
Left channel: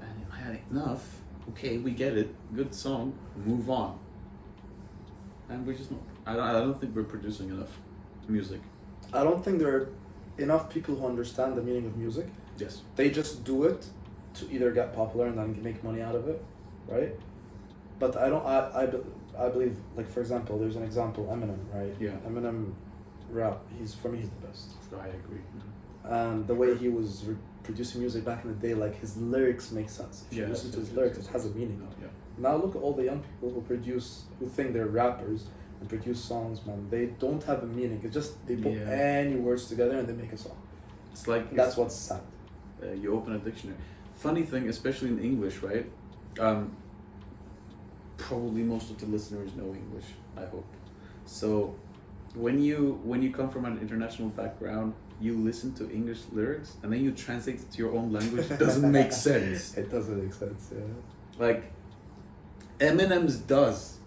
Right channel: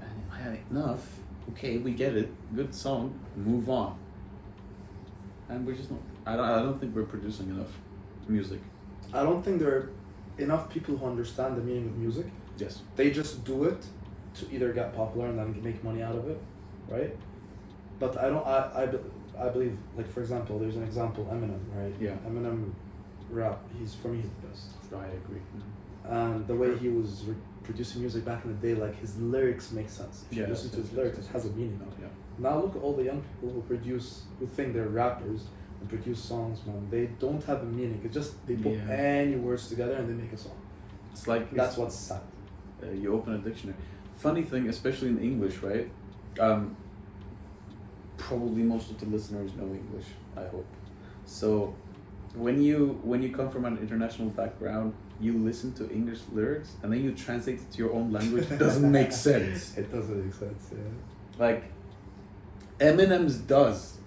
And I had enough. Okay, we get it. Good song. Move on. And we're just not. I don't think we're producing enough music. I don't think there are enough people who understand the meaning of music. Yes. They just do it to either get popular and then make money out of it, right? But I believe, like, for example, there's an example, Eminem, right? Yeah. Eminem rap, for me, he's the best. I agree. And the way he was producing music back in the day, like, his lyrics make sense. If you listen to his lyrics, it has a meaning. Yeah. Now look at all the young people who think they're rappers and produce songs, man. They don't have a meaning. It's just they put any words together and they make a song. It's like That's what's sad. You open a dictionary. Funny thing, especially in English, right? Probably most of the listeners know English, I hope. So when you come from an international background, you listen to English lyrics and then you translate it to your own language. It doesn't make sense. It doesn't make sense, yeah. Like Eminem's does,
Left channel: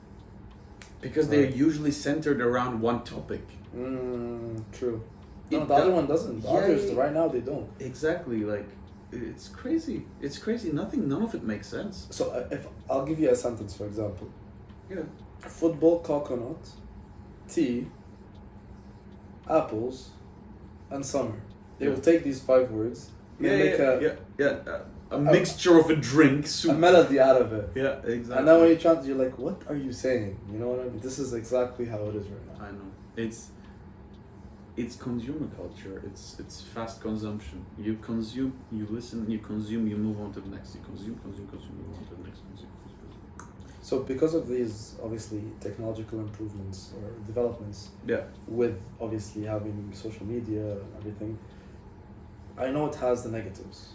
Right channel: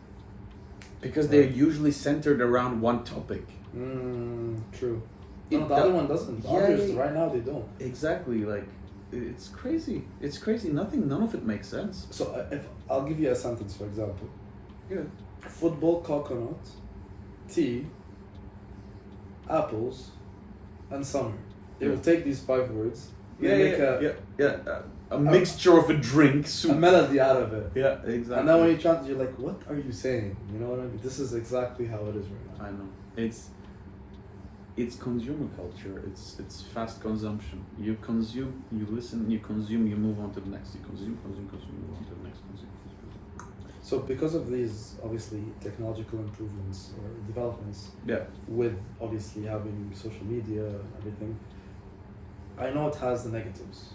because they're usually centered around one topic. True. It No, the other one doesn't. The others, right now, they don't. Exactly. Like, it's crazy. It's crazy. None of it makes sense. So if I'll give you a sentence, for example. Yeah. Football, coconut, tea, apples, and summer. They will take these 5 words. Make a mixture of a drink, a soup. melody out of it. Yeah, exactly. And now when you translate, you're like, what are you saying? You know what I mean? This is exactly how it is right now. I know. It's consumer culture. It's fast consumption. You consume, you listen, you consume, you move on to the next. You consume, move on to the next. Consume. So because of these, obviously, technological improvements or developments, Yeah. with obviously having social media and everything, I know it has the negatives.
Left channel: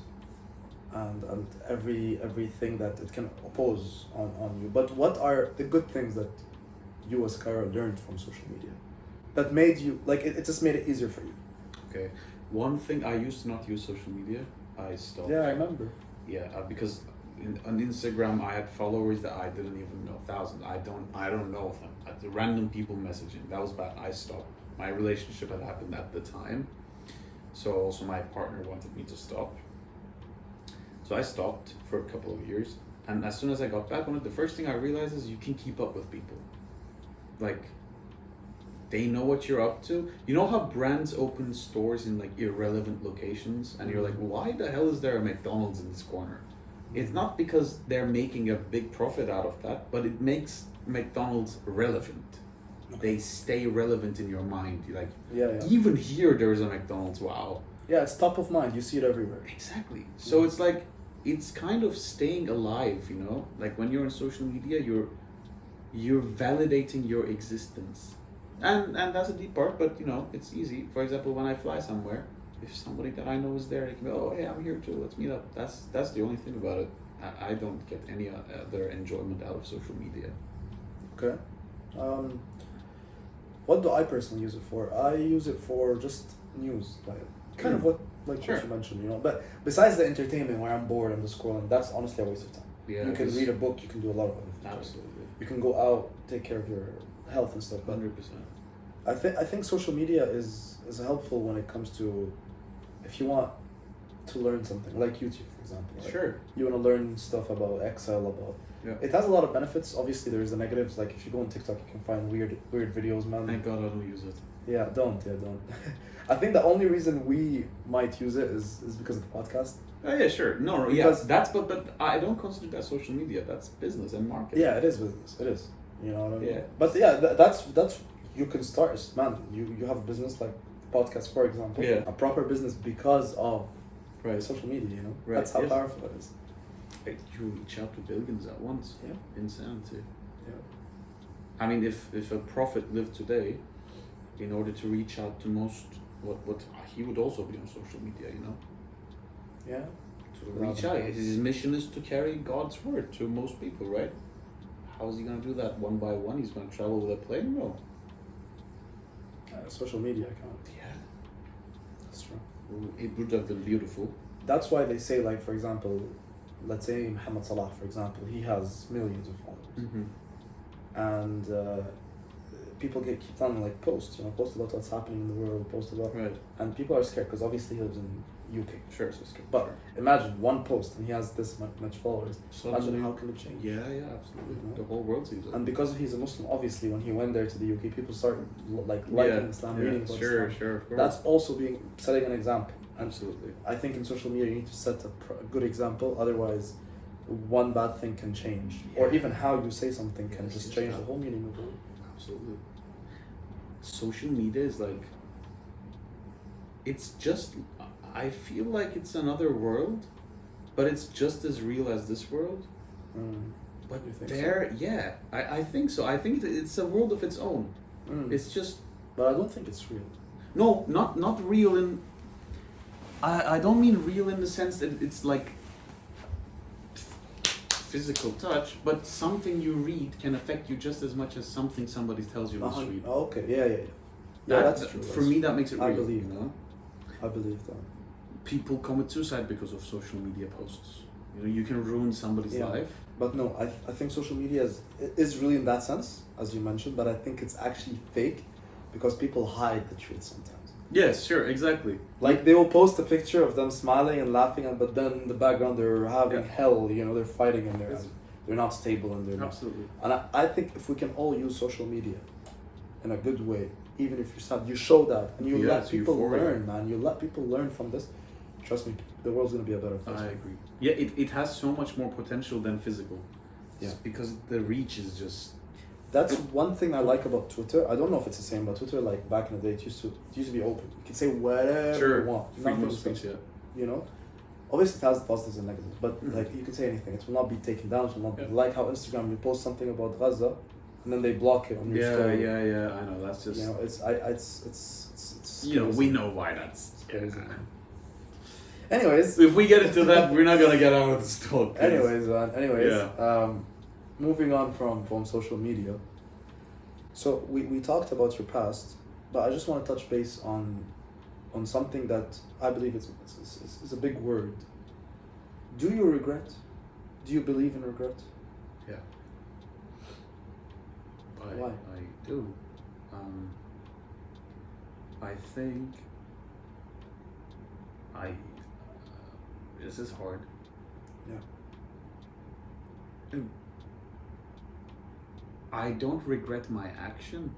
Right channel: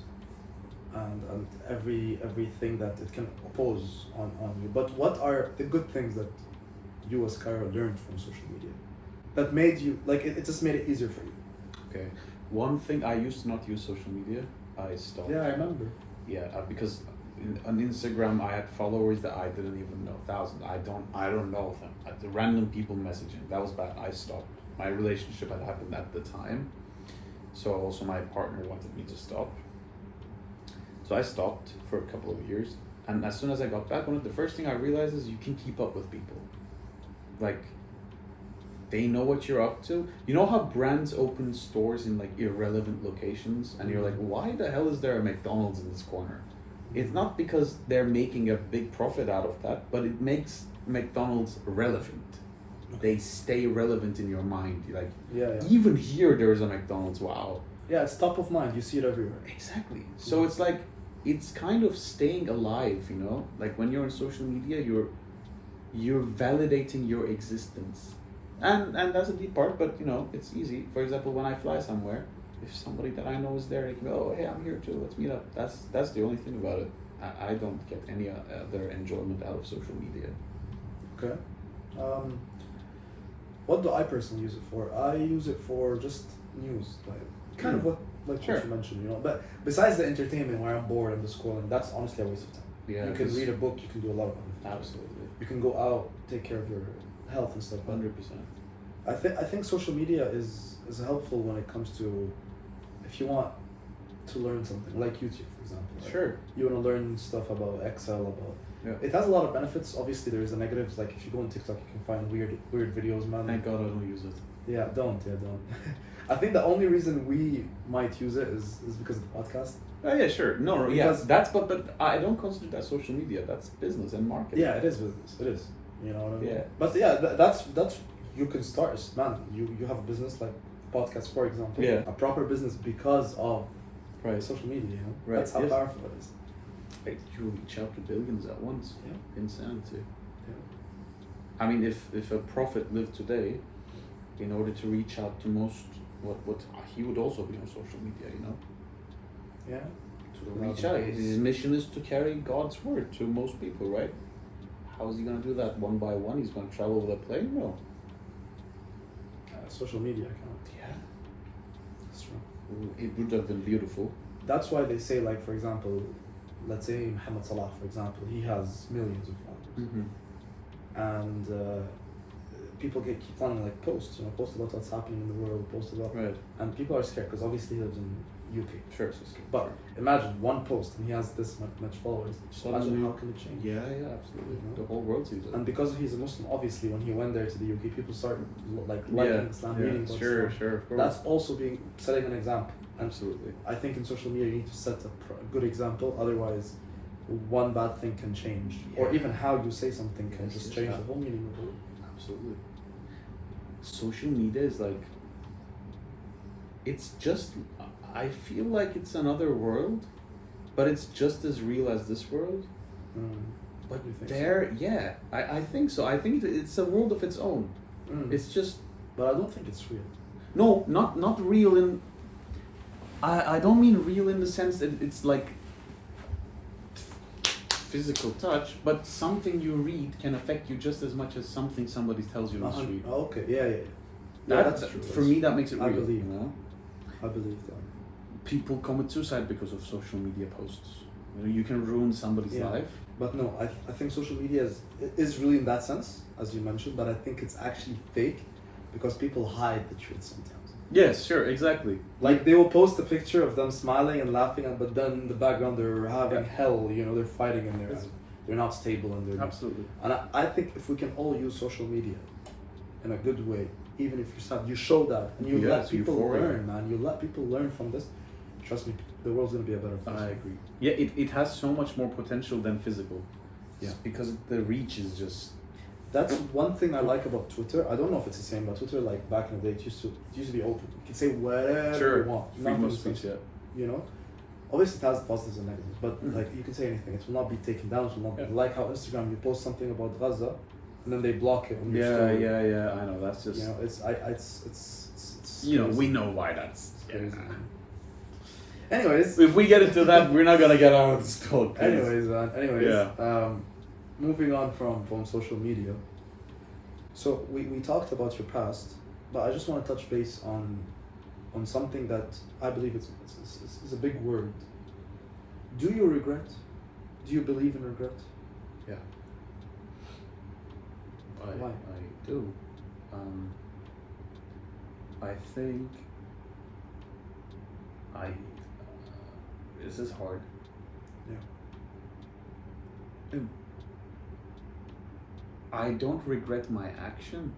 and everything that it can oppose on you. But what are the good things that you as Kayra learned from social media that made you like it just made it easier for you? Okay. One thing, I used to not use social media. I stopped. Yeah, I remember. Yeah, because on Instagram I had followers that I didn't even know, thousands. I don't know them. The random people messaging, that was bad. I stopped. My relationship had happened at the time, so also my partner wanted me to stop. So I stopped for a couple of years, and as soon as I got back on it, the first thing I realized is you can keep up with people. Like, they know what you're up to. You know how brands open stores in like irrelevant locations, and you're like, why the hell is there a McDonald's in this corner? It's not because they're making a big profit out of that, but it makes McDonald's relevant. They stay relevant in your mind. You're like, even here there's a McDonald's. Wow. Yeah, it's top of mind. You see it everywhere. Exactly. So it's like, it's kind of staying alive, you know? Like when you're on social media, you're validating your existence. And that's a deep part, but you know, it's easy. For example, when I fly somewhere, if somebody that I know is there, they can go, oh, hey, I'm here too, let's meet up. That's the only thing about it. I don't get any other enjoyment out of social media. Okay. What do I personally use it for? I use it for just news, like kind of what what you mentioned, you know. But besides the entertainment, where I'm bored, I'm just scrolling. That's honestly a waste of time. Yeah, you can read a book. You can do a lot of other things. Absolutely. You can go out, take care of your health and stuff. 100%. I think social media is helpful when it comes to if you want to learn something, like YouTube, for example. Right? Sure. You want to learn stuff about Excel, about. Yeah. It has a lot of benefits. Obviously, there's the negatives. Like if you go on TikTok, you can find weird videos, man. Thank God I don't use it. Yeah, don't. I think the only reason we might use it is because of the podcast. Oh yeah, sure. No, yeah, that's but I don't consider that social media. That's business and marketing. Yeah, it is business. It is. You know what I mean? Yeah. But yeah, that's you can start, man. You have a business like the podcast, for example. Yeah. A proper business because of social media. You know. Right. That's how powerful it is. Like, you reach out to billions at once. Yeah. Insanity. Yeah. I mean, if a prophet lived today, in order to reach out to most, what he would also be on social media, you know. Yeah. To reach out. His mission is to carry God's word to most people, right? How is he going to do that one by one? He's going to travel with a plane? No. Social media account. Yeah. That's true. It would have been beautiful. That's why they say, like, for example, let's say Muhammad Salah, for example, he has millions of followers. Mm-hmm. And people keep telling, like, post about what's happening in the world, post about, Right. and people are scared because obviously he lives in UK. Sure. But imagine one post and he has this much followers. Imagine how can it change? Yeah, absolutely. The whole world sees it. And because he's a Muslim, obviously, when he went there to the UK, people started liking Islam, reading about Islam. Sure, of course. That's also setting an example. Absolutely. I think in social media you need to set a good example, otherwise one bad thing can change. Yeah. Or even how you say something can just change the whole meaning of the word. Absolutely. Social media is like, it's just, I feel like it's another world, but it's just as real as this world. But there, so? I think so. I think it's a world of its own. It's just. But I don't think it's real. No, not real in. I don't mean real in the sense that it's like physical touch, but something you read can affect you just as much as something somebody tells you must read. Okay, yeah. That's true. For me, that makes it real. Believe, you know. I believe that. People commit suicide because of social media posts. You know, you can ruin somebody's life. But no, I think social media is really in that sense, as you mentioned, but I think it's actually fake because people hide the truth sometimes. Yes, sure, exactly. Like they will post a picture of them smiling and laughing, but then in the background they're having hell, you know, they're fighting and they're not stable and they're absolutely. And I think if we can all use social media in a good way, even if you're sad, you show that and you let people learn, man. You let people learn from this. Trust me, the world's gonna be a better place. I agree. Yeah, it has so much more potential than physical. Yeah. Because the reach is just. That's one thing I like about Twitter. I don't know if it's the same, but Twitter, like back in the day, it used to be open. You can say whatever you want. Freedom of speech, You know? Obviously it has positives and negatives, but like you can say anything. It will not be taken down, it will not be like how Instagram, you post something about Gaza and then they block it on your story. Yeah, I know, that's just, you know, it's you know, we know why that's crazy. Anyways. If we get into that, we're not gonna get out of this talk. Anyways, man. Yeah. Moving on from social media. So we talked about your past, but I just want to touch base on something that I believe it's a big word. Do you regret? Do you believe in regret? Yeah. Why? I do. I think this is hard. Yeah. I don't regret my action,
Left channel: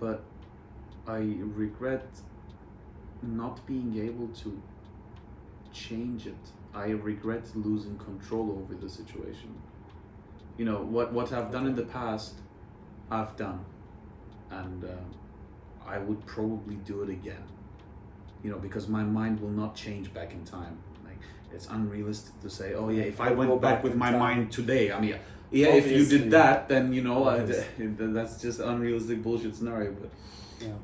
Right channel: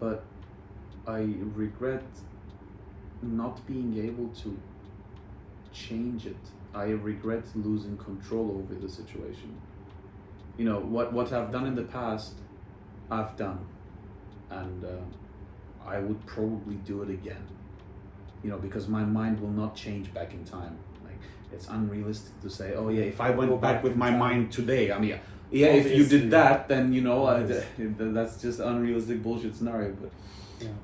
but I regret not being able to change it. I regret losing control over the situation. You know, what I've done in the past, I've done, and I would probably do it again. You know, because my mind will not change back in time. Like, it's unrealistic to say, oh yeah, if I went back with my mind today, I mean, yeah, if you did that, then you know, that's just unrealistic bullshit scenario. But Yeah.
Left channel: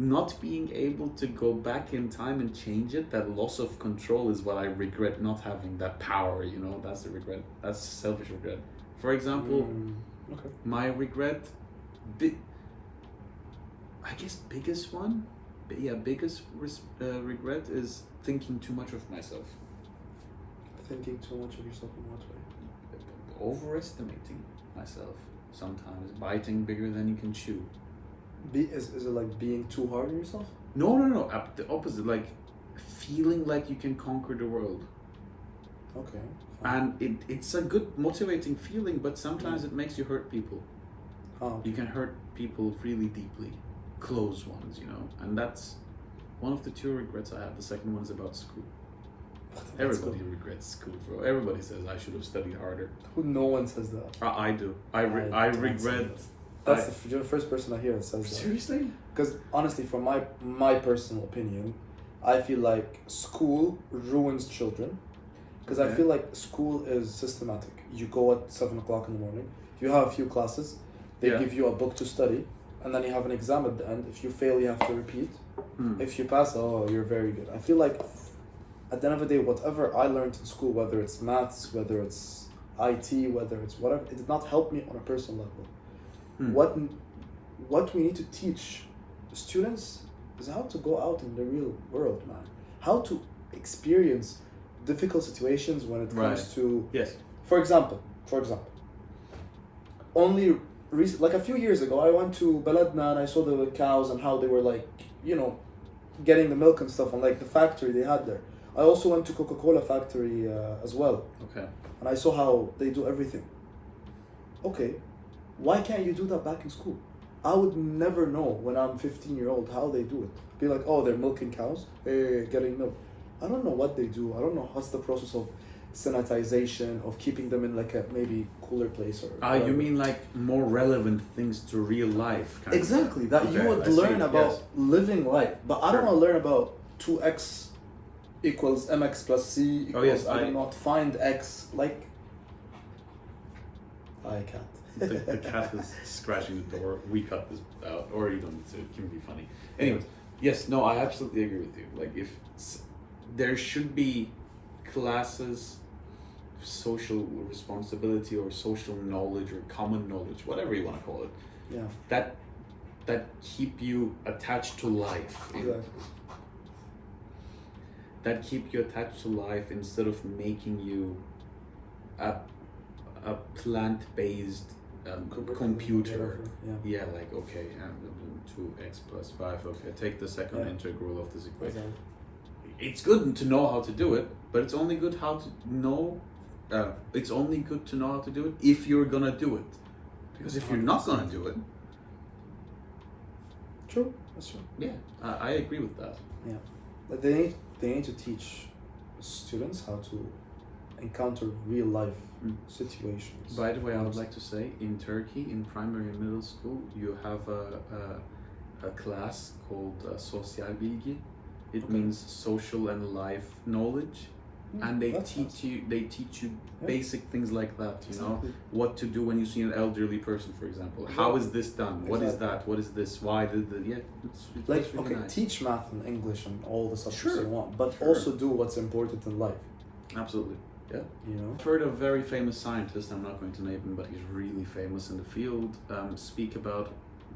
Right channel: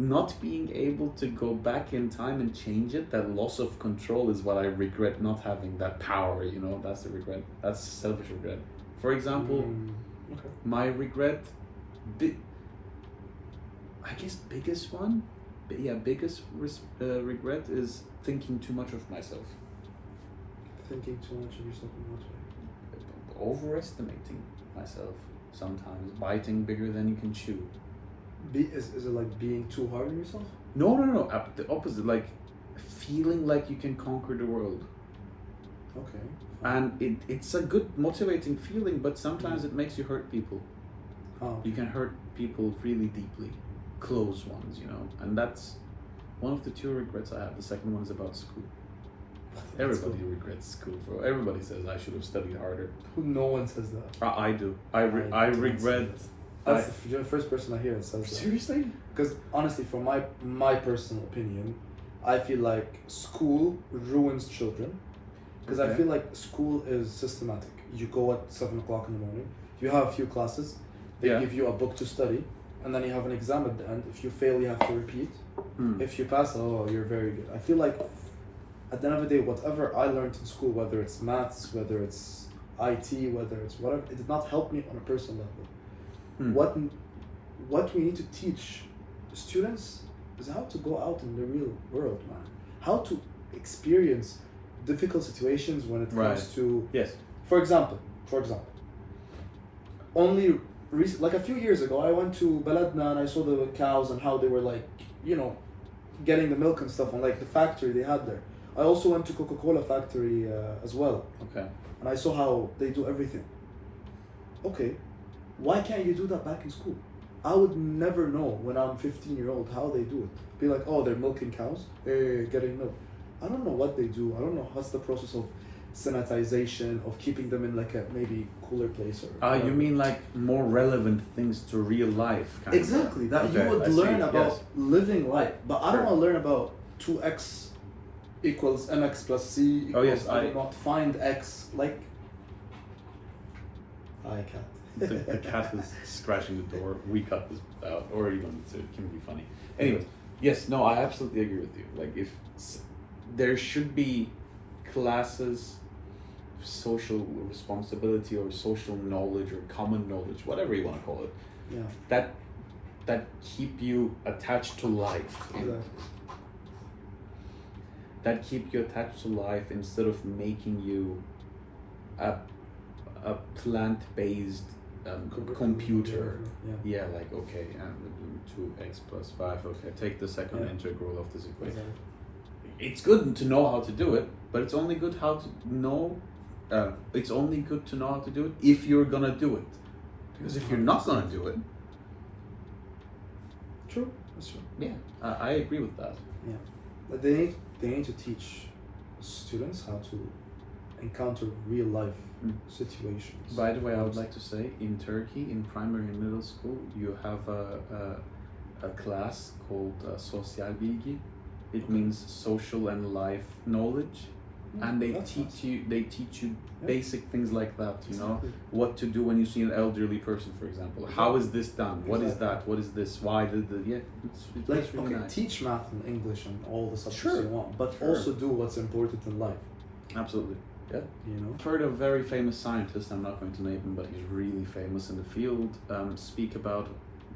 not being able to go back in time and change it, that loss of control is what I regret, not having that power, you know, that's the regret. That's selfish regret. For example, Okay. my regret, I guess biggest one, biggest regret is thinking too much of myself. Thinking too much of yourself in what way? Overestimating myself sometimes, biting bigger than you can chew. Is it like being too hard on yourself? No, the opposite, like feeling like you can conquer the world. Okay. And it's a good motivating feeling, but sometimes it makes you hurt people. Oh. You can hurt people really deeply, close ones, you know, and that's one of the two regrets I have. The second one is about school. Everybody regrets school, bro. Everybody says I should have studied harder. No one says that. I do. I regret. You're the first person I hear that says that. Seriously? Because honestly, from my personal opinion, I feel like school ruins children. Because I feel like school is systematic. You go at 7 o'clock in the morning. You have a few classes. They give you a book to study, and then you have an exam at the end. If you fail, you have to repeat. If you pass, oh, you're very good. I feel like at the end of the day, whatever I learned in school, whether it's maths, whether it's IT, whether it's whatever, it did not help me on a personal level. What we need to teach students is how to go out in the real world, man. How to experience difficult situations when it comes to... Yes. For example, only like a few years ago, I went to Baladna and I saw the cows and how they were like, you know, getting the milk and stuff, and like the factory they had there. I also went to Coca-Cola factory as well. Okay. And I saw how they do everything. Okay, why can't you do that back in school? I would never know when I'm 15-year-old how they do it. Be like, oh, they're milking cows, getting milk. I don't know what they do. I don't know what's the process of sanitization, of keeping them in like a maybe cooler place or... You mean like more relevant things to real life, kind exactly, of? that Okay, you would learn about living life. But I don't want to learn about 2x equals mx plus c equals, I do not find x, like... Hi, cat. The cat is scratching the door. We cut this out, or you don't, it can be funny. Anyways, yes, no, I absolutely agree with you. Like, if there should be classes, social responsibility or social knowledge or common knowledge, whatever you want to call it, that keep you attached to life. Exactly. That keep you attached to life instead of making you a plant-based computer. Yeah, like, okay, 2x plus 5, okay, take the second integral of this equation. Exactly. It's good to know how to do it, but it's only good how to know. It's only good to know how to do it if you're gonna do it, because if you're not gonna do it, true, that's true. Yeah, I agree with that. Yeah, but they need to teach students how to encounter real life situations. By the way, I would like to say, in Turkey, in primary and middle school, you have a class called Sosyal Bilgi. It means social and life knowledge. and they That's teach you Yeah. basic things like that, you know, Exactly. what to do when you see an elderly person, for example. How is this done? What is Exactly. that? What is this? Why did the it's Like, really okay, nice. teach math and English and all the subjects Sure. you want, but Sure. also do what's important in life. Absolutely. Yeah. You know. I've heard a very famous scientist, I'm not going to name him, but he's really famous in the field, speak about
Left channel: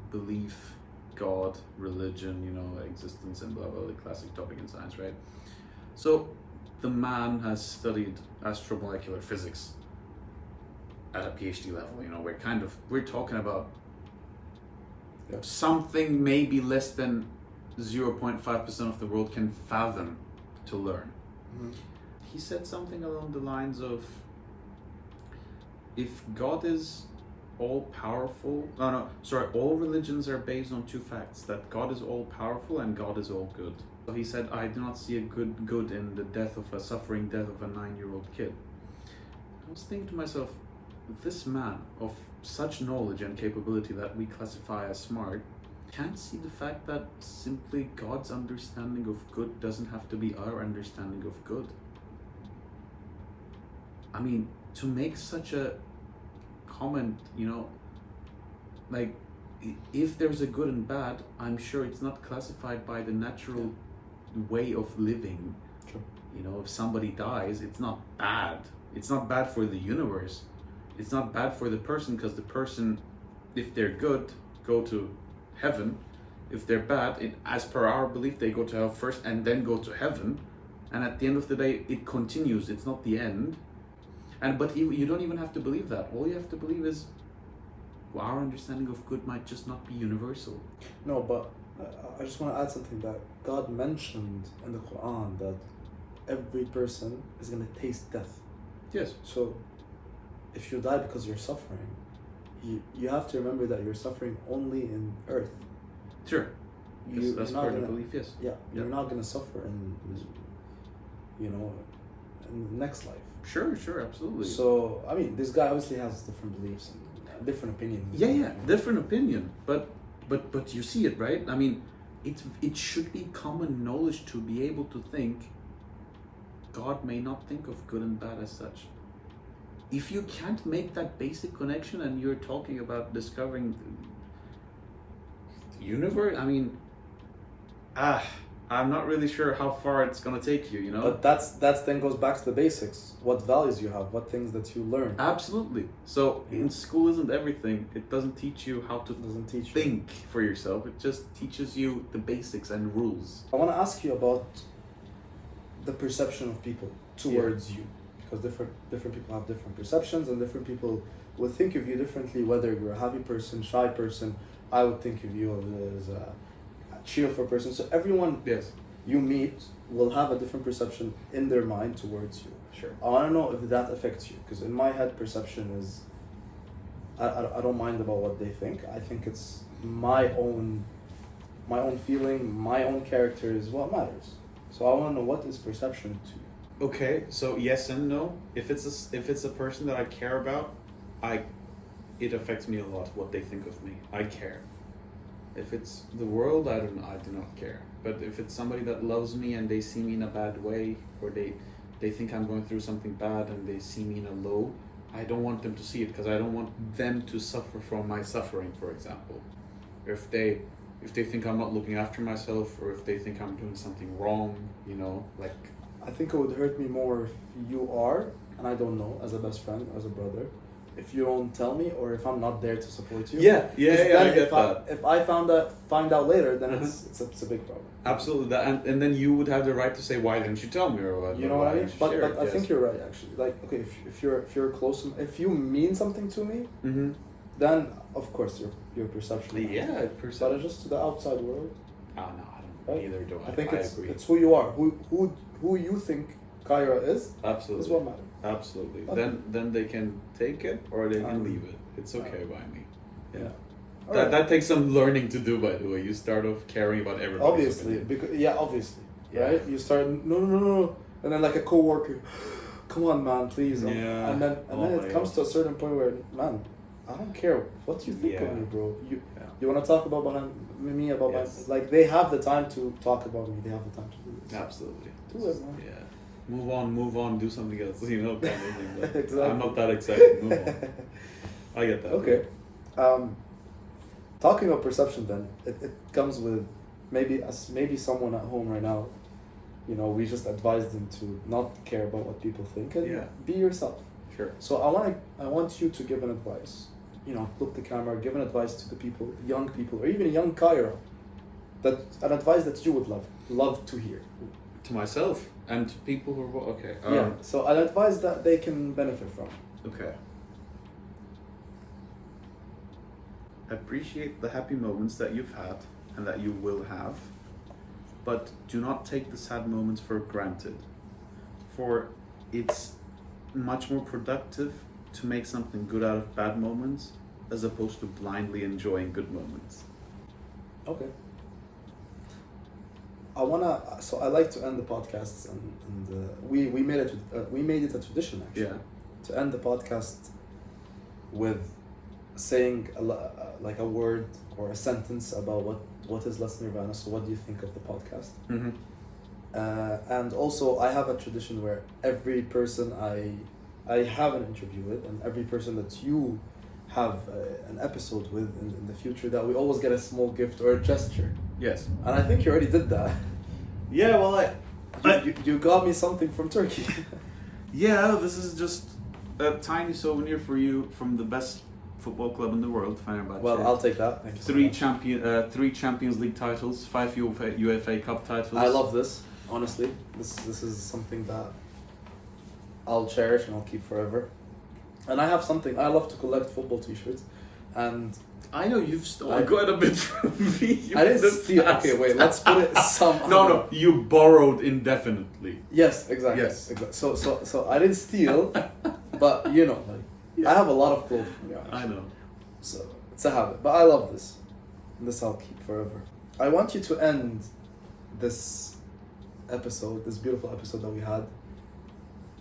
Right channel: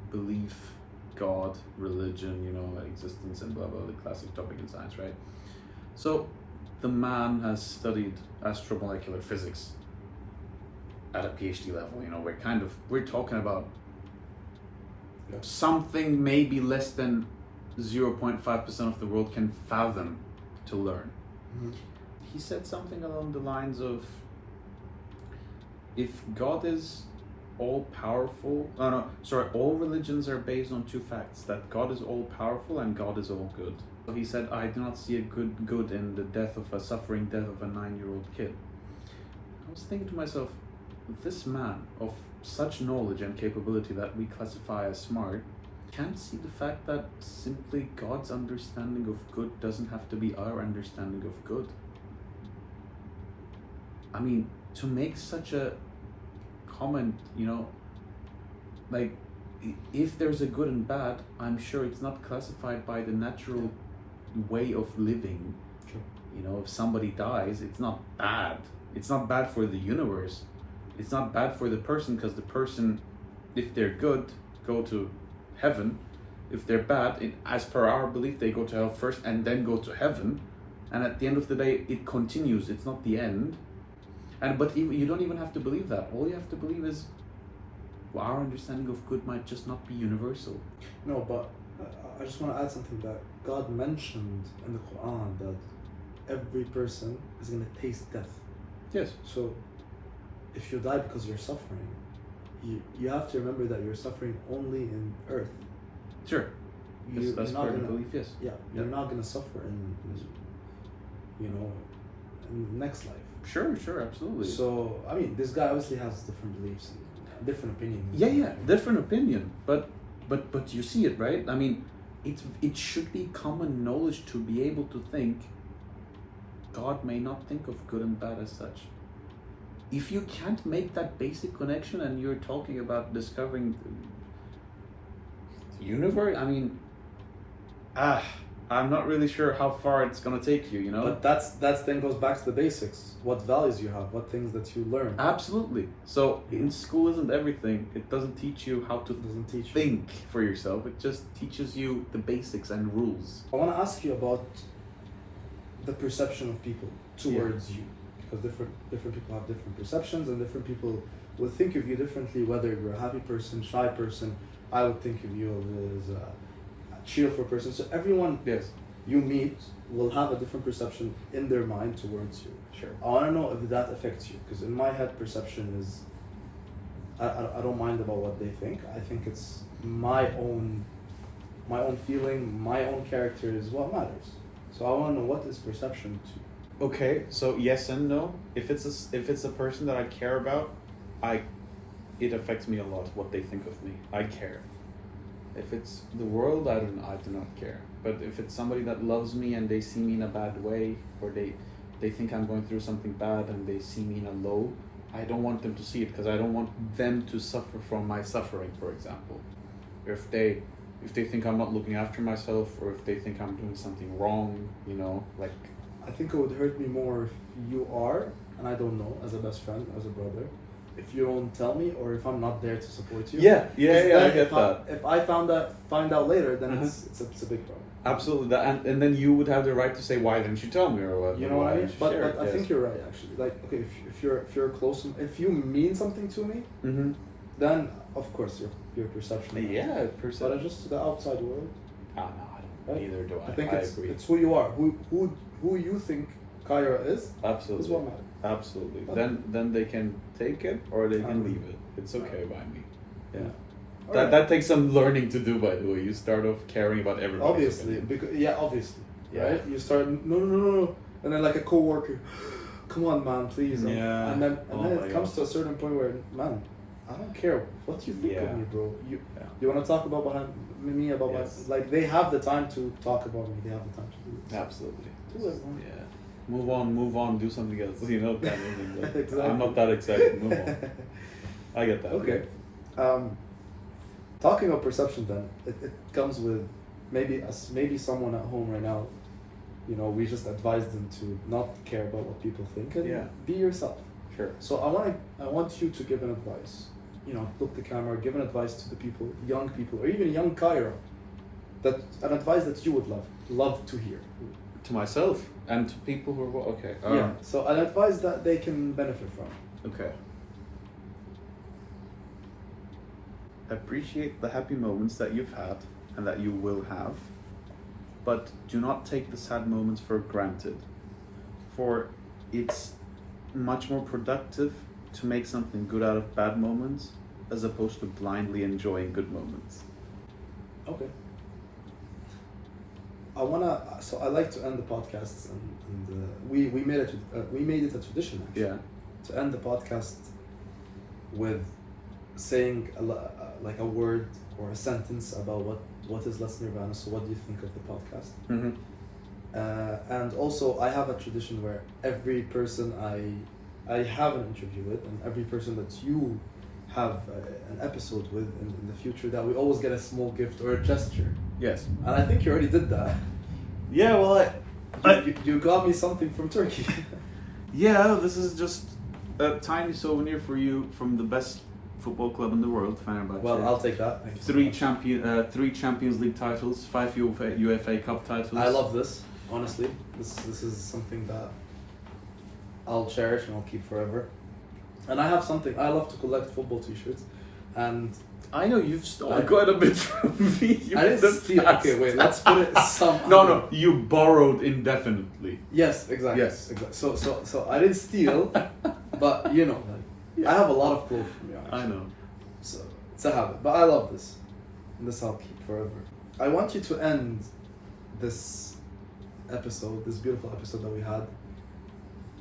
belief, God, religion, you know, existence, and blah, blah, the classic topic in science, right? So the man has studied astromolecular physics at a PhD level, you know, we're talking about Yeah. something maybe less than 0.5% of the world can fathom to learn. Mhm. He said something along the lines of, if God is all powerful, all religions are based on two facts, that God is all powerful and God is all good. So he said, I do not see a good in the suffering death of a 9-year-old kid. I was thinking to myself, this man of such knowledge and capability that we classify as smart can't see the fact that simply God's understanding of good doesn't have to be our understanding of good. I mean, to make such a comment, you know, like, if there's a good and bad, I'm sure it's not classified by the natural way of living. True. You know, if somebody dies, it's not bad. It's not bad for the universe. It's not bad for the person, because the person, if they're good, go to heaven. If they're bad, as per our belief, they go to hell first and then go to heaven. And at the end of the day, it continues. It's not the end. But you don't even have to believe that. All you have to believe is, well, our understanding of good might just not be universal. No, but I just want to add something that God mentioned in the Quran, that every person is going to taste death. Yes. So if you die because you're suffering, you have to remember that you're suffering only in earth. Sure. Yes, that's you're not part of the gonna- belief, yes. Yeah, you're Yeah. not going to suffer in the next life. Sure, absolutely. So, I mean, this guy obviously has different beliefs and different opinions. Yeah, different opinion. But you see it, right? I mean, it should be common knowledge to be able to think God may not think of good and bad as such. If you can't make that basic connection and you're talking about discovering the universe, I mean, I'm not really sure how far it's gonna take you, you know? But that's then goes back to the basics. What values you have, what things that you learn. Absolutely. So in school isn't everything. It doesn't teach you how to It doesn't teach you. think for yourself. It just teaches you the basics and rules. I want to ask you about the perception of people towards you, because different people have different perceptions, and different people will think of you differently. Whether you're a happy person, shy person, I would think of you as a cheerful person. So everyone Yes. you meet will have a different perception in their mind towards you. Sure. I want to know if that affects you, because in my head, perception is I don't mind about what they think. I think it's my own feeling, my own character is what matters. So I want to know, what is perception to you? Okay, so yes and no. If it's a person that I care about, it affects me a lot what they think of me. I care. If it's the world, I do not care. But if it's somebody that loves me and they see me in a bad way, or they think I'm going through something bad and they see me in a low, I don't want them to see it, because I don't want them to suffer from my suffering, for example. If they think I'm not looking after myself, or if they think I'm doing something wrong, you know, like. I think it would hurt me more if you are, and I don't know, as a best friend, as a brother, if you don't tell me, or if I'm not there to support you. Yeah, Because I then get if that. If I find out later, then it's a big problem. Absolutely, and then you would have the right to say, why didn't you tell me, or what? You know what I mean? But Sure, I think you're right, actually. Like, okay, if you're close, if you mean something to me, Mm-hmm. then of course your perception. Yeah, But perception. just to the outside world, Oh no, I don't. Neither do I. I think I it's agree. it's who you are, who you think Kayra is Absolutely. what matters. Absolutely. Okay. Then they can take it or they can Um, leave it. It's okay by me. Yeah. Alright. That takes some learning to do, by the way. You start off caring about everybody. Obviously, obviously, Yeah. right? You start no, and then like a coworker, come on, man, please. Yeah. And then Oh it my comes God. to a certain point where, man, I don't care what you think Yeah. of me, bro. Yeah. You want to talk about me about Yes. like they have the time to talk about me. They have the time to do it. Absolutely. Do it, man. Yeah. move on, do something else, you know, kind of thing. Like, Exactly. I'm not that excited, move on. I get that. Okay. Talking of perception then, it comes with maybe someone at home right now, you know, we just advise them to not care about what people think and Yeah. be yourself. Sure. So I want you to give an advice. You know, look the camera, give an advice to the people, young people, or even young Kayra, an advice that you would love to hear. To myself and to people who are, okay. Yeah. So an advice that they can benefit from. Okay. Appreciate the happy moments that you've had and that you will have, but do not take the sad moments for granted. For it's much more productive to make something good out of bad moments as opposed to blindly enjoying good moments. Okay. So I like to end the podcasts, and we made it a tradition actually. Yeah. To end the podcast with saying like a word or a sentence about what is Let's Nirvana. So what do you think of the podcast? Mm-hmm. And also I have a tradition where every person I have an interview with, and every person that you have an episode with in the future, that we always get a small gift or a gesture. Yes. And I think you already did that. Yeah, well, You got me something from Turkey. yeah, this is just a tiny souvenir for you from the best football club in the world, Fenerbahce. Well, I'll take that. Thank you so much. Three Champions League titles, 5 UEFA Cup titles. I love this. Honestly, this is something that I'll cherish and I'll keep forever. And I have something. I love to collect football T-shirts, and I know you've stolen quite a bit from me. I didn't steal. Okay, wait. Let's put it some. No, you borrowed indefinitely. Yes, exactly. Yes. Exactly. So I didn't steal, but you know, I have a lot of clothes from you. Actually. I know. So it's a habit, but I love this. And this I'll keep forever. I want you to end this episode, this beautiful episode that we had,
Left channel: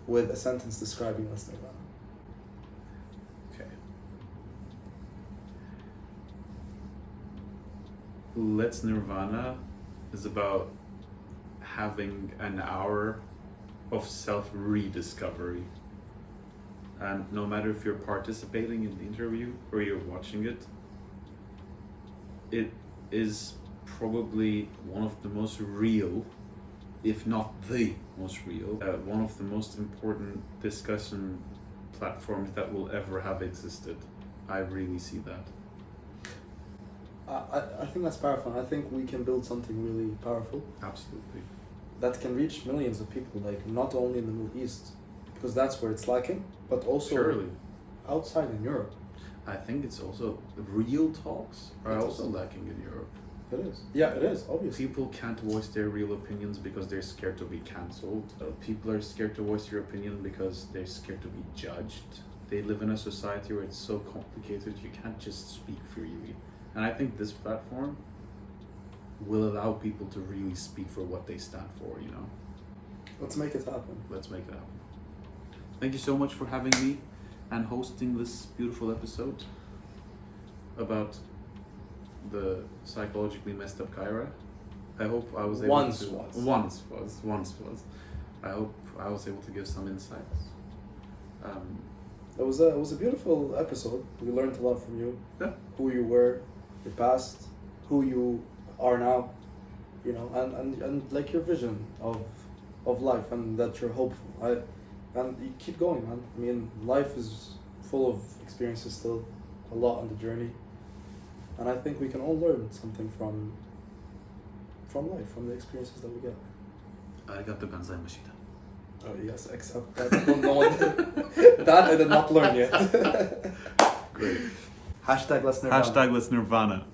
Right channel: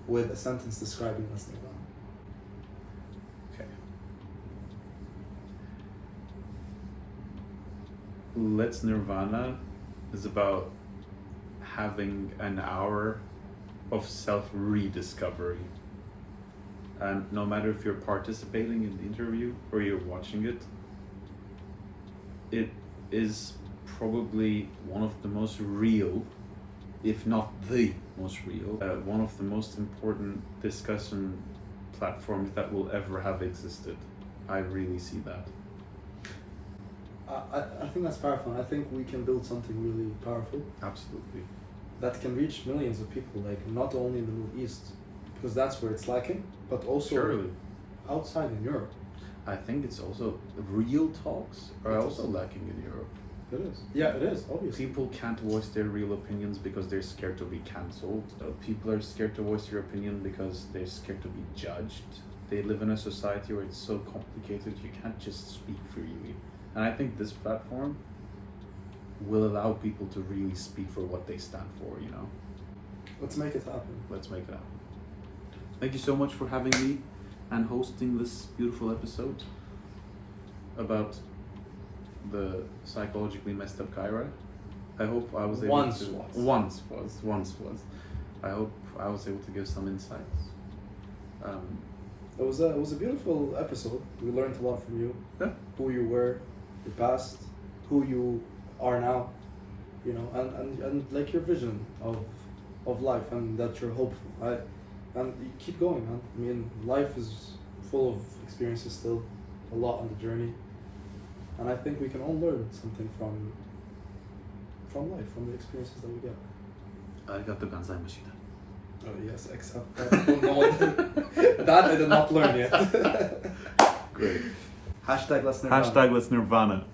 with a sentence describing Let's Nirvana. Okay. Let's Nirvana is about having an hour of self-rediscovery. And no matter if you're participating in the interview or you're watching it, it is probably one of the most real, if not the most real, one of the most important discussion platforms that will ever have existed. I really see that. I think that's powerful, and I think we can build something really powerful Absolutely. that can reach millions of people, like not only in the Middle East, because that's where it's lacking, but also Surely. outside in Europe. I think it's also real talks are also lacking in Europe. It is. Yeah, it is, obviously. People can't voice their real opinions because they're scared to be cancelled. People are scared to voice their opinion because they're scared to be judged. They live in a society where it's so complicated you can't just speak freely. And I think this platform will allow people to really speak for what they stand for, you know? Let's make it happen. Let's make that happen. Thank you so much for having me and hosting this beautiful episode about the psychologically messed up Kayra. I hope I was able Once to... was. Once was. I hope I was able to give some insights. It was a beautiful episode. We learned a lot from you. Yeah. Who you were, your past, who you are now, you know, and like your vision of life, and that you're hopeful. And you keep going, man. I mean, life is full of experiences still, a lot on the journey. And I think we can all learn something from life, from the experiences that we get. Arigatou gozaimashita. Oh yes, except that no one that I did not learn yet. Great. Hashtag Let's Nirvana. Hashtag Let's Nirvana.